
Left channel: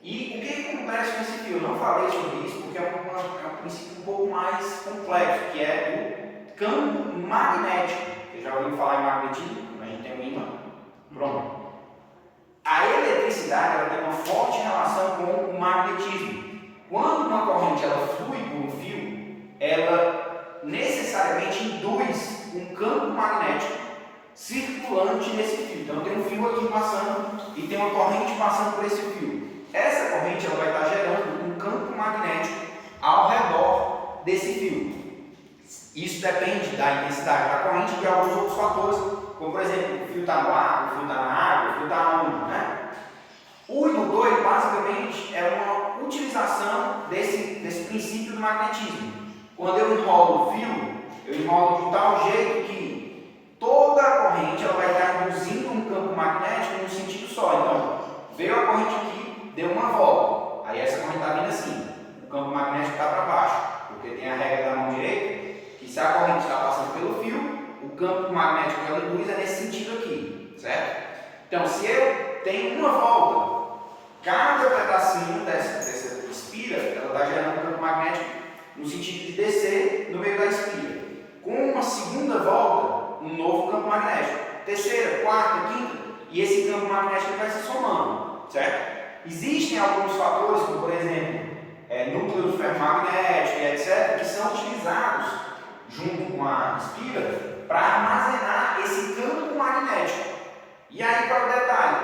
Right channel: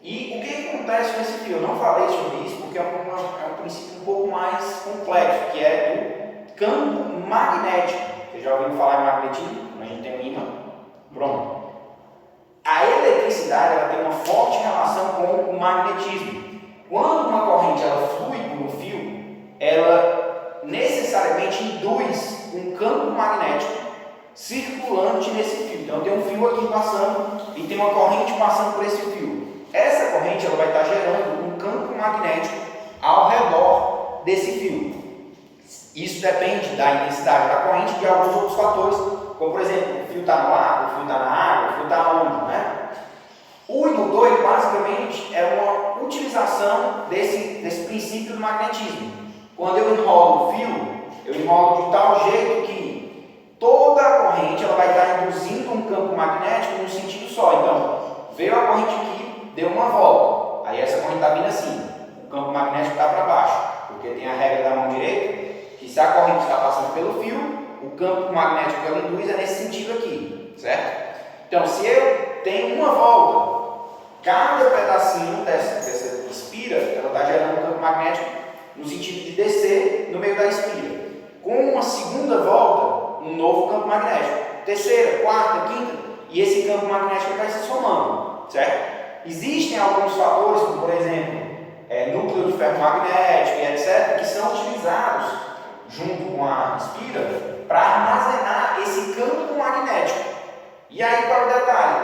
E o que acontece com esse fio? Eu não falei sobre isso porque é um princípio um pouco mais complexo, que é o campo magnético. Você já ouviu falar em magnetismo? Quando a gente tem um ímã? Pronto. A eletricidade ela tem uma forte relação com o magnetismo. Quando uma corrente ela flui por um fio, ela necessariamente induz um campo magnético circulante nesse fio. Então tem um fio aqui passando e tem uma corrente passando por esse fio. Essa corrente ela vai estar gerando um campo magnético ao redor desse fio. Isso depende da intensidade da corrente e de alguns outros fatores, como por exemplo, o fio está no ar, o fio está na água, o fio está onde, né? O indutor, ele, basicamente, é uma utilização desse princípio do magnetismo. Quando eu enrolo o fio, eu enrolo de tal jeito que toda a corrente ela vai estar induzindo um campo magnético num sentido só. Então, veio a corrente aqui, deu uma volta. Aí essa corrente está vindo assim, o campo magnético está para baixo, porque tem a regra da mão direita, que se a corrente está passando pelo fio, o campo magnético que ela induz é nesse sentido aqui, certo? Então, se eu tenho uma volta, cada pedacinho dessa espira, ela está gerando um campo magnético no sentido de descer no meio da espira. Com uma segunda volta, um novo campo magnético. Terceira, quarta, quinta, e esse campo magnético vai se somando, certo? Existem alguns fatores, como por exemplo, núcleos ferromagnéticos, etc., que são utilizados junto com a espira para armazenar esse campo magnético. E aí, qual é o detalhe?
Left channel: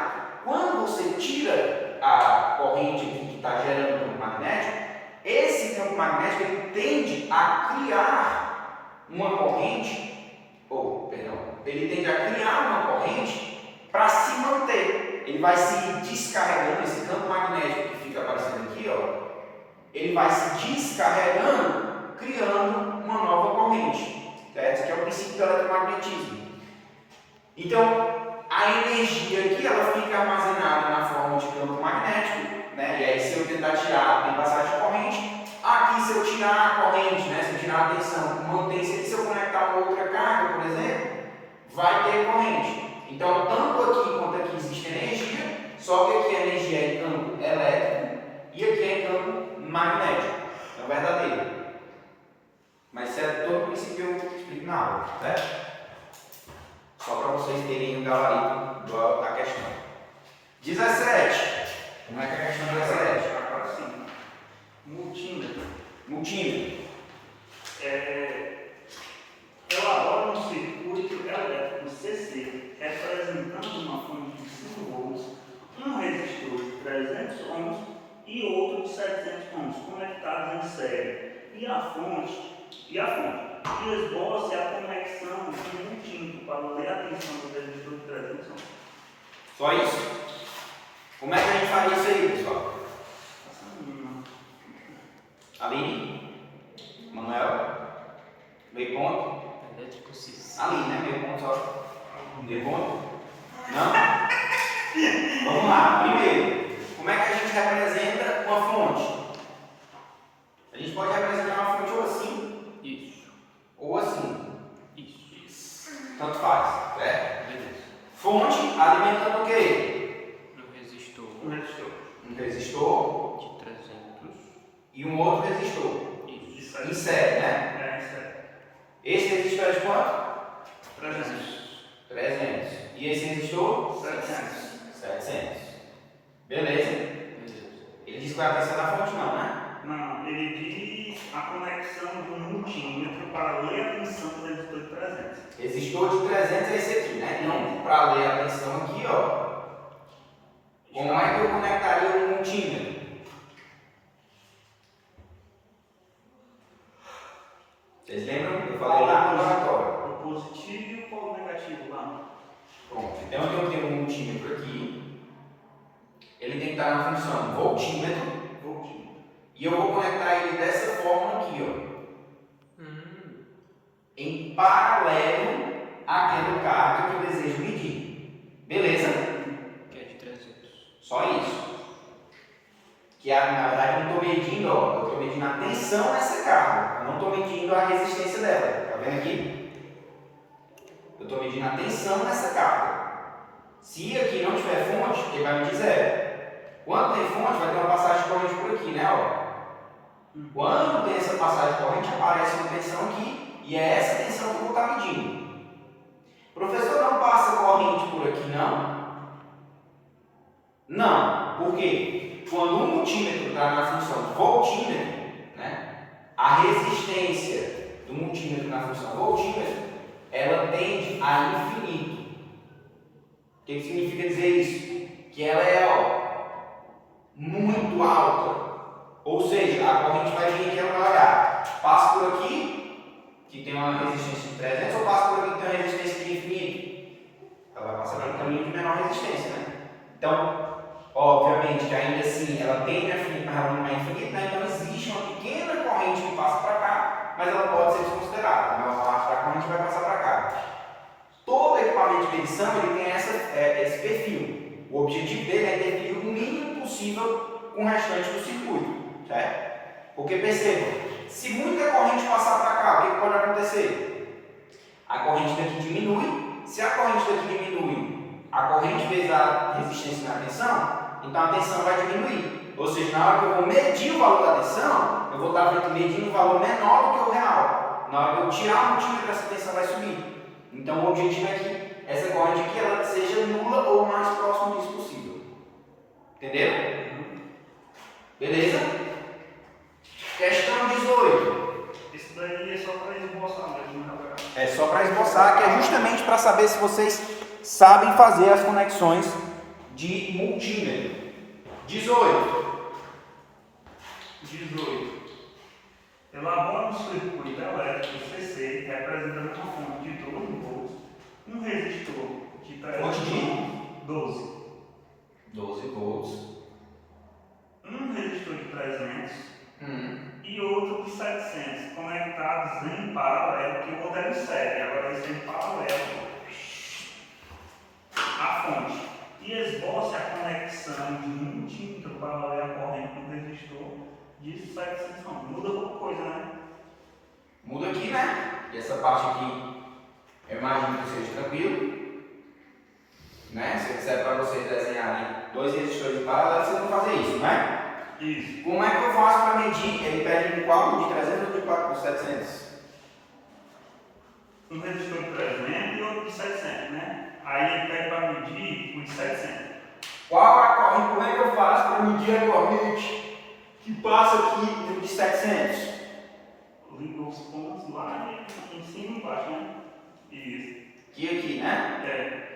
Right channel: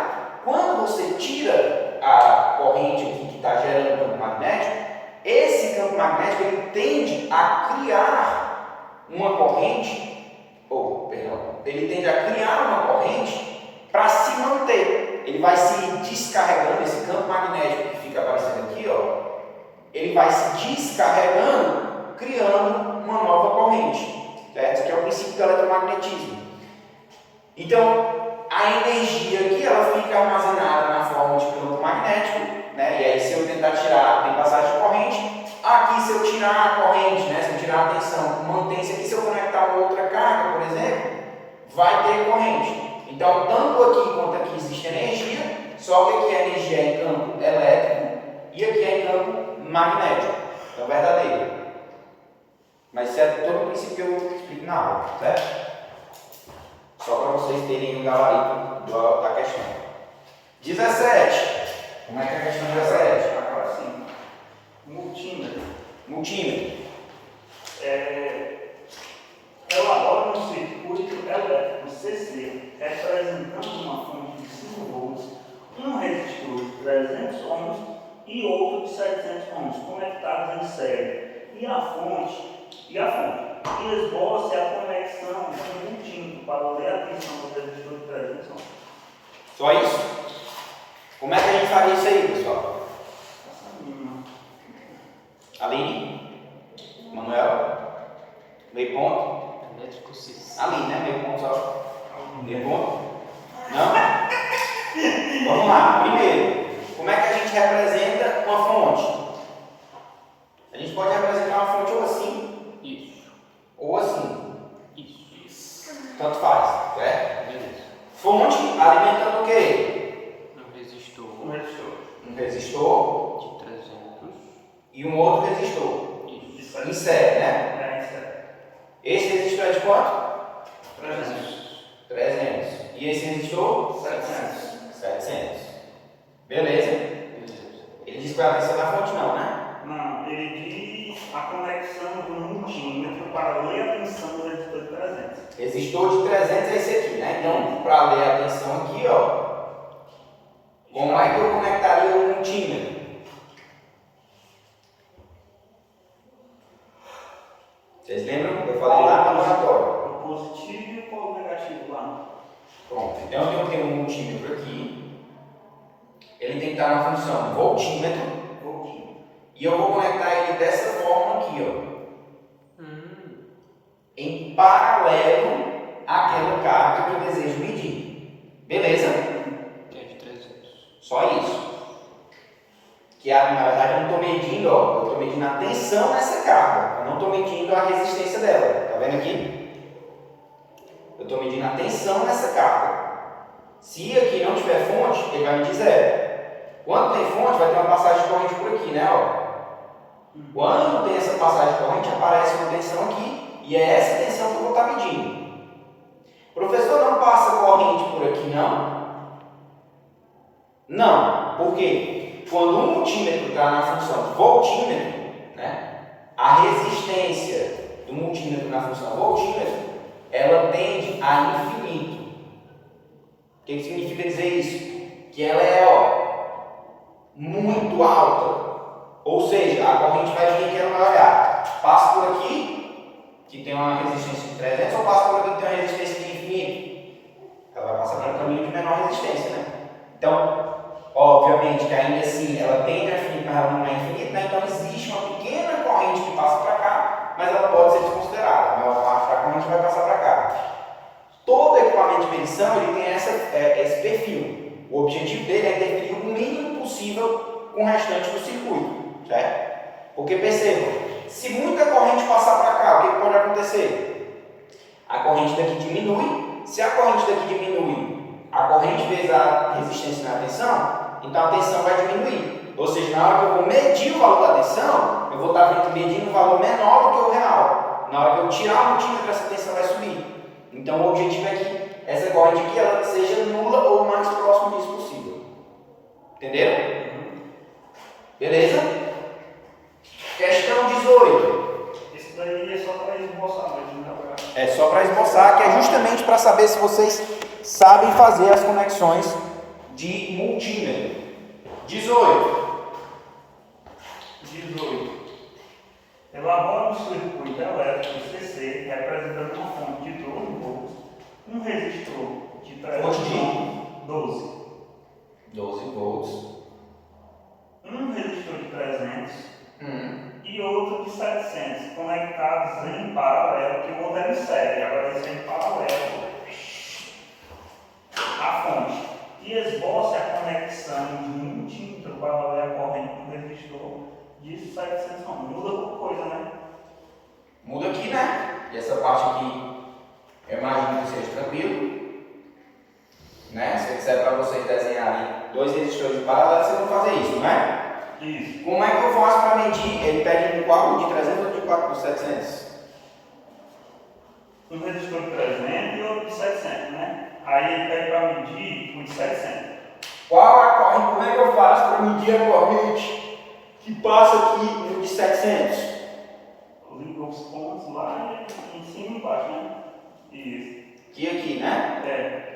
Quando você tira a corrente aqui que está gerando o campo magnético, esse campo magnético ele tende a criar uma corrente, ele tende a criar uma corrente para se manter. Ele vai se descarregando, esse campo magnético que fica aparecendo aqui, ó, ele vai se descarregando, criando uma nova corrente, certo? Esse aqui é o princípio do eletromagnetismo. Então, a energia aqui ela fica armazenada na forma de campo magnético né? E aí se eu tentar tirar, tem passagem de corrente. Aqui se eu tirar a corrente, né? Se eu tirar a tensão, mantém-se aqui, se eu conectar uma outra carga, por exemplo, vai ter corrente. Então, tanto aqui quanto aqui existe energia, só que aqui a energia é em campo elétrico e aqui é em campo magnético. É o verdadeiro. Mas isso é todo o princípio que eu explico na aula, certo? Só para vocês terem o gabarito da questão. 17. Como é que é a questão 17? Agora sim. Multímetro. Multímetro. Elabora um circuito elétrico CC representando uma fonte de 5 volts, um resistor de 300 ohms e outro de 700 ohms conectados em série. E a fonte. Esboce a conexão de um multímetro para ler a tensão do resistor de 300 ohms. Só isso? Como é que a gente faria isso aí, pessoal? Aline? Manuel? Meio ponto? Elétrico cis. Aline, né? Meio ponto só. Meio ponto? Não? Vamos lá. Primeiro, como é que a gente representa uma fonte? A gente pode representar uma fonte ou assim, Isso. ou assim. Isso. Tanto faz, certo? Beleza. Fonte alimentando o quê? Um resistor Um resistor de 300. e um outro resistor. Isso. Em série, né? Esse resistor é de quanto? 300. E esse resistor? 700. Beleza? Beleza. Ele diz qual é a tensão da fonte, não, né? Não, ele diz a conexão do multímetro para ler a tensão do resistor de 300. Resistor de 300 é esse aqui, né? Então, para ler a tensão aqui, ó. Como é que eu conectaria o multímetro? Vocês lembram que eu falei lá no laboratório? O positivo e o polo negativo lá. Pronto. Então, eu tenho um multímetro aqui. Ele tem que estar na função voltímetro. E eu vou conectar ele dessa forma aqui, ó. Em paralelo àquela carga que eu desejo medir. Beleza? Que é de 300. Só isso. Que na verdade eu não estou medindo, ó. Eu estou medindo a tensão nessa carga. Eu não estou medindo a resistência dela. Tá vendo aqui? Eu estou medindo a tensão nessa carga. Se aqui não tiver fonte, ele vai medir zero. Quando tem fonte, vai ter uma passagem de corrente por aqui, né? Ó. Quando tem essa passagem de corrente, aparece uma tensão aqui, e é essa tensão que eu vou estar medindo. Professor, não passa corrente por aqui, não? Não. Por quê? Quando um multímetro está na função voltímetro, né? A resistência do multímetro na função voltímetro, ela tende a infinito. O que significa dizer isso? Que ela é, ó, muito alta. Ou seja, a corrente vai vir aqui, ela vai olhar. Passa por aqui, que tem uma resistência de 300, ou passa por aqui, que tem uma resistência de infinito. Ela vai passar por um caminho de menor resistência, né? Então, obviamente que ainda assim ela tende a infinito, mas ela não é infinita, né? Então existe uma pequena corrente que passa para cá, mas ela pode ser desconsiderada. A maior parte da corrente vai passar para cá. Todo equipamento de medição ele tem esse perfil. O objetivo dele é interferir o mínimo possível com o restante do circuito. Certo? Porque percebam, se muita corrente passar para cá, o que pode acontecer? A corrente daqui diminui. Se a corrente daqui diminui, a corrente vezes a resistência na tensão, então a tensão vai diminuir. Ou seja, na hora que eu vou medir o valor da tensão, eu vou estar medindo um valor menor do que o real. Na hora que eu tirar o multímetro, essa tensão vai subir. Então o objetivo é que essa corrente aqui ela seja nula ou o mais próximo disso possível. Entenderam? Beleza? Questão 18. Isso daí é só para esboçar mesmo, né? É só para esboçar, que é justamente para saber se vocês sabem fazer as conexões de multímetro. 18. Elabora um circuito elétrico CC representando uma fonte de 12 volts, um resistor de 300 ohms, 12 volts. um resistor de 300 e outro de 700, conectados em paralelo, que o outro é em série, agora esse é em paralelo à fonte. e esboce a conexão de 1 multímetro para ler a corrente no resistor de 700 ohms. Muda pouca coisa, né? Muda aqui, né? E essa parte aqui, eu imagino que seja tranquilo. Né? Se eu disser para vocês desenharem 2 resistores em paralelo, vocês vão fazer isso, né? Isso. Como é que eu faço para medir? Ele pede qual? De 300 ou de 700? Um resistor de 300 e outro de 700, né? Aí ele pede para medir o de 700. Qual a corrente? Como é que eu faço para medir a corrente que passa aqui no de 700? Liga os pontos lá em cima e embaixo, né? Isso. Aqui, né? É.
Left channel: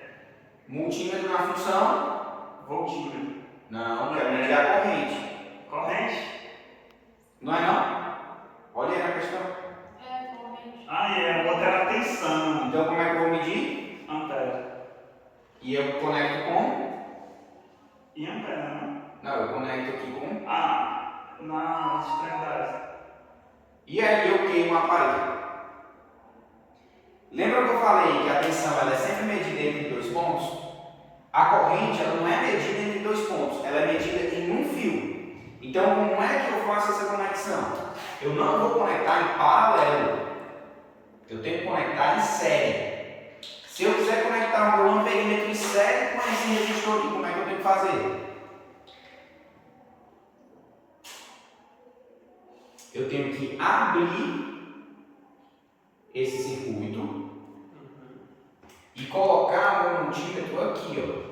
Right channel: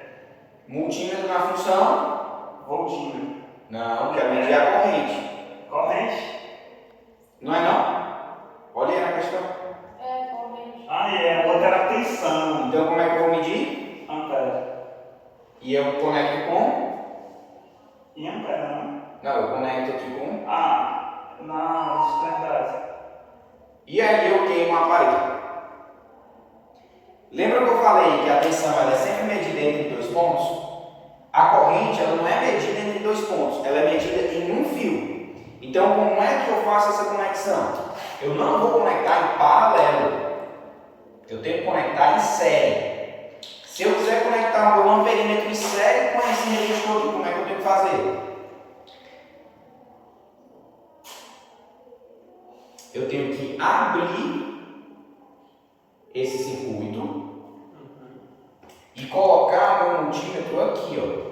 Multímetro na função? Voltímetro. Não, quero medir a corrente. Corrente? Não é não? Olha aí na questão. É, corrente. Ah, é. A outra era a tensão. Então como é que eu vou medir? Ampere. E eu conecto com? E ampere, né? Não, eu conecto aqui com. Na extremidade. E aí eu queimo a parede. Lembra que eu falei que a tensão ela é sempre medida entre 2 pontos? A corrente ela não é medida entre 2 pontos, ela é medida em um fio. Então como é que eu faço essa conexão? Eu não vou conectar em paralelo, eu tenho que conectar em série. Se eu quiser conectar o meu amperímetro em série com esse resistor aqui, como é que eu tenho que fazer? Eu tenho que abrir esse circuito e colocar o meu multímetro aqui, ó.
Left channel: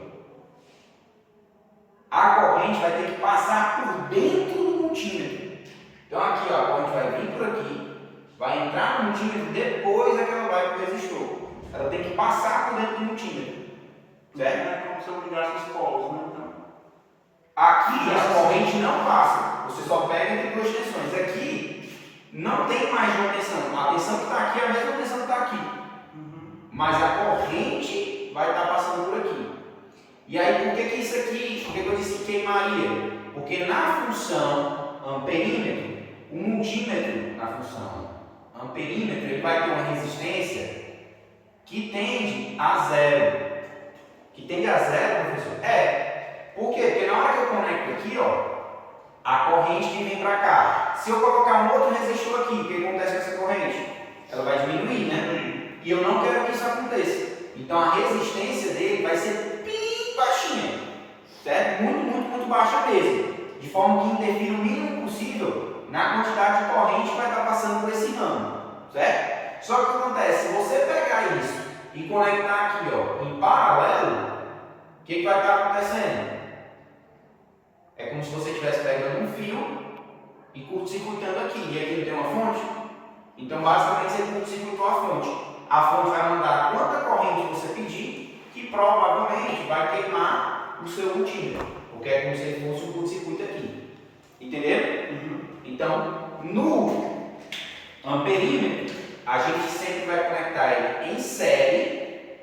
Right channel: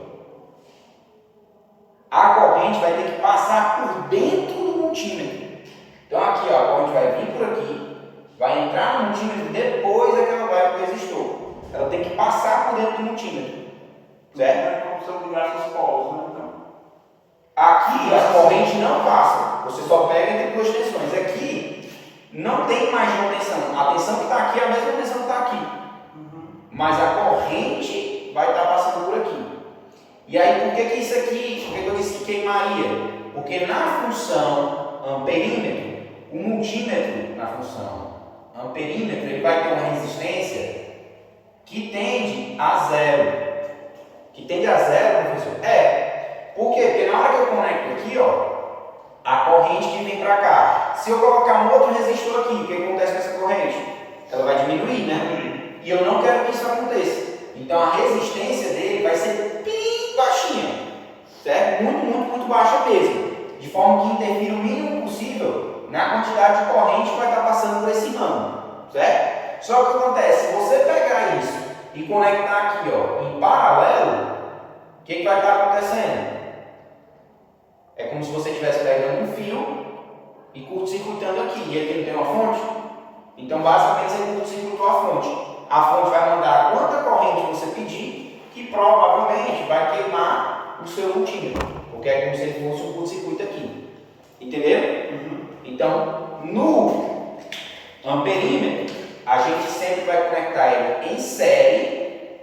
A corrente vai ter que passar por dentro do multímetro. Então aqui, ó, a corrente vai vir por aqui, vai entrar no multímetro, depois é que ela vai para o resistor. Ela tem que passar por dentro do multímetro, certo? É como se eu ligasse os polos, né? Então. Aqui a corrente não passa, você só pega entre 2 tensões. Aqui não tem mais de uma tensão. A tensão que está aqui é a mesma tensão que está aqui. Mas a corrente vai estar passando por aqui. E aí por que isso aqui, por que eu disse que queimaria? Porque na função amperímetro, o multímetro na função amperímetro, ele vai ter uma resistência que tende a 0. Que tende a 0, professor? Por quê? Porque na hora que eu conecto aqui, ó, a corrente que vem para cá. Se eu colocar um outro resistor aqui, o que acontece com essa corrente? Ela vai diminuir, né? E eu não quero que isso aconteça. Então a resistência dele vai ser bem baixinha, certo? Muito baixa mesmo. De forma que interfira o mínimo possível na quantidade de corrente que vai estar passando por esse ramo, certo? Só que o que acontece? Se você pegar isso e conectar aqui, ó, em paralelo, o que vai estar acontecendo? É como se você estivesse pegando um fio e curto-circuitando aqui. E aqui não tem uma fonte? Então, basicamente, você curto-circuitou a fonte. A fonte vai mandar quanta corrente você pedir, que provavelmente vai queimar o seu multímetro. Porque é como se ele fosse um curto-circuito aqui. Entendeu? Então, no amperímetro, a gente sempre vai conectar ele em série,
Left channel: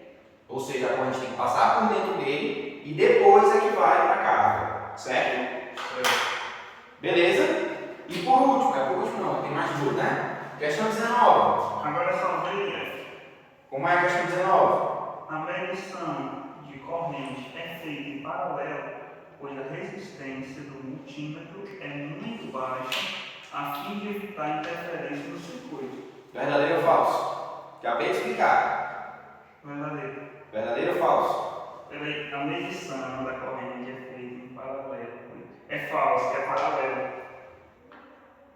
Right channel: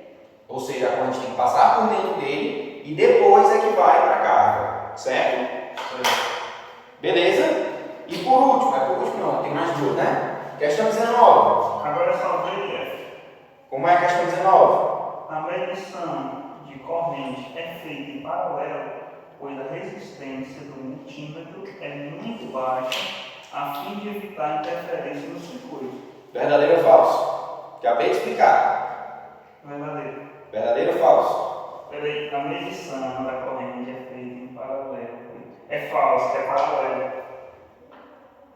ou seja, a corrente tem que passar por dentro dele, e depois é que vai para a carga. Certo? Beleza? E por último, não, tem mais 2, né? Questão 19. Agora é só ver. Como é a questão 19? A medição de corrente é feita em paralelo, pois a resistência do multímetro é muito baixa, a fim de evitar interferência no circuito. Verdadeiro ou falso? Acabei de explicar. Verdadeiro. Verdadeiro ou falso? Peraí, a medição da corrente é feita em paralelo. É falso, é paralelo.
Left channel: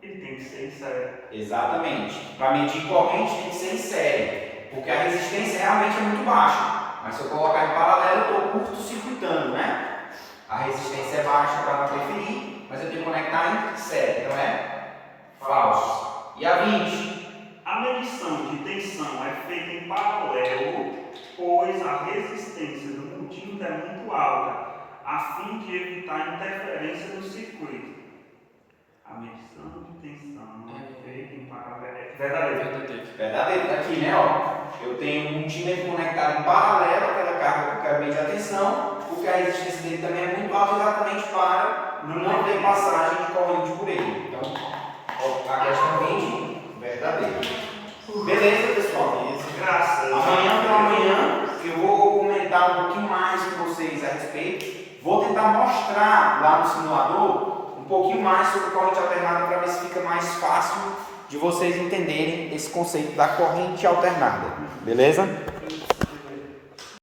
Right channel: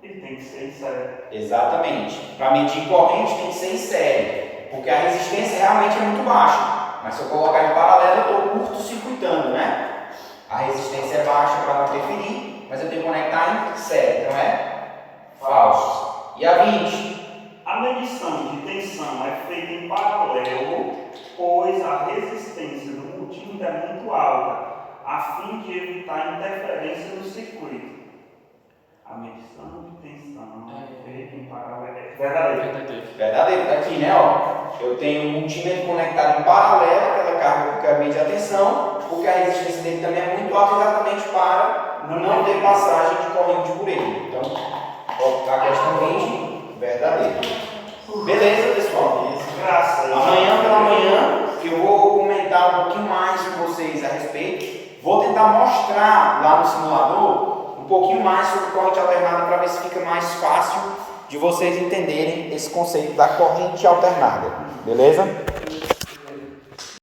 Ele tem que ser em série. Exatamente. Para medir corrente tem que ser em série. Porque a resistência realmente é muito baixa. Mas se eu colocar em paralelo, eu estou curto-circuitando, né? A resistência é baixa para não interferir, mas eu tenho que conectar em série. Então é falso. E a 20? A medição de tensão é feita em paralelo, pois a resistência do multímetro é muito alta, a fim de evitar interferência no circuito. A medição de tensão é feita em paralelo. Verdadeiro. Verdadeiro. Está aqui, né? Ó. Eu tenho um multímetro conectado em paralelo àquela carga que eu quero medir a tensão, porque a resistência dele também é muito alta exatamente para não ter passagem de corrente por ele. Então, ó, a questão 20, verdadeiro. Beleza, pessoal? Graças. Amanhã pela manhã eu vou comentar um pouquinho mais com vocês vocês a respeito. Vou tentar mostrar lá no simulador um pouquinho mais sobre corrente alternada para ver se fica mais fácil de vocês entenderem esse conceito da corrente alternada. Beleza?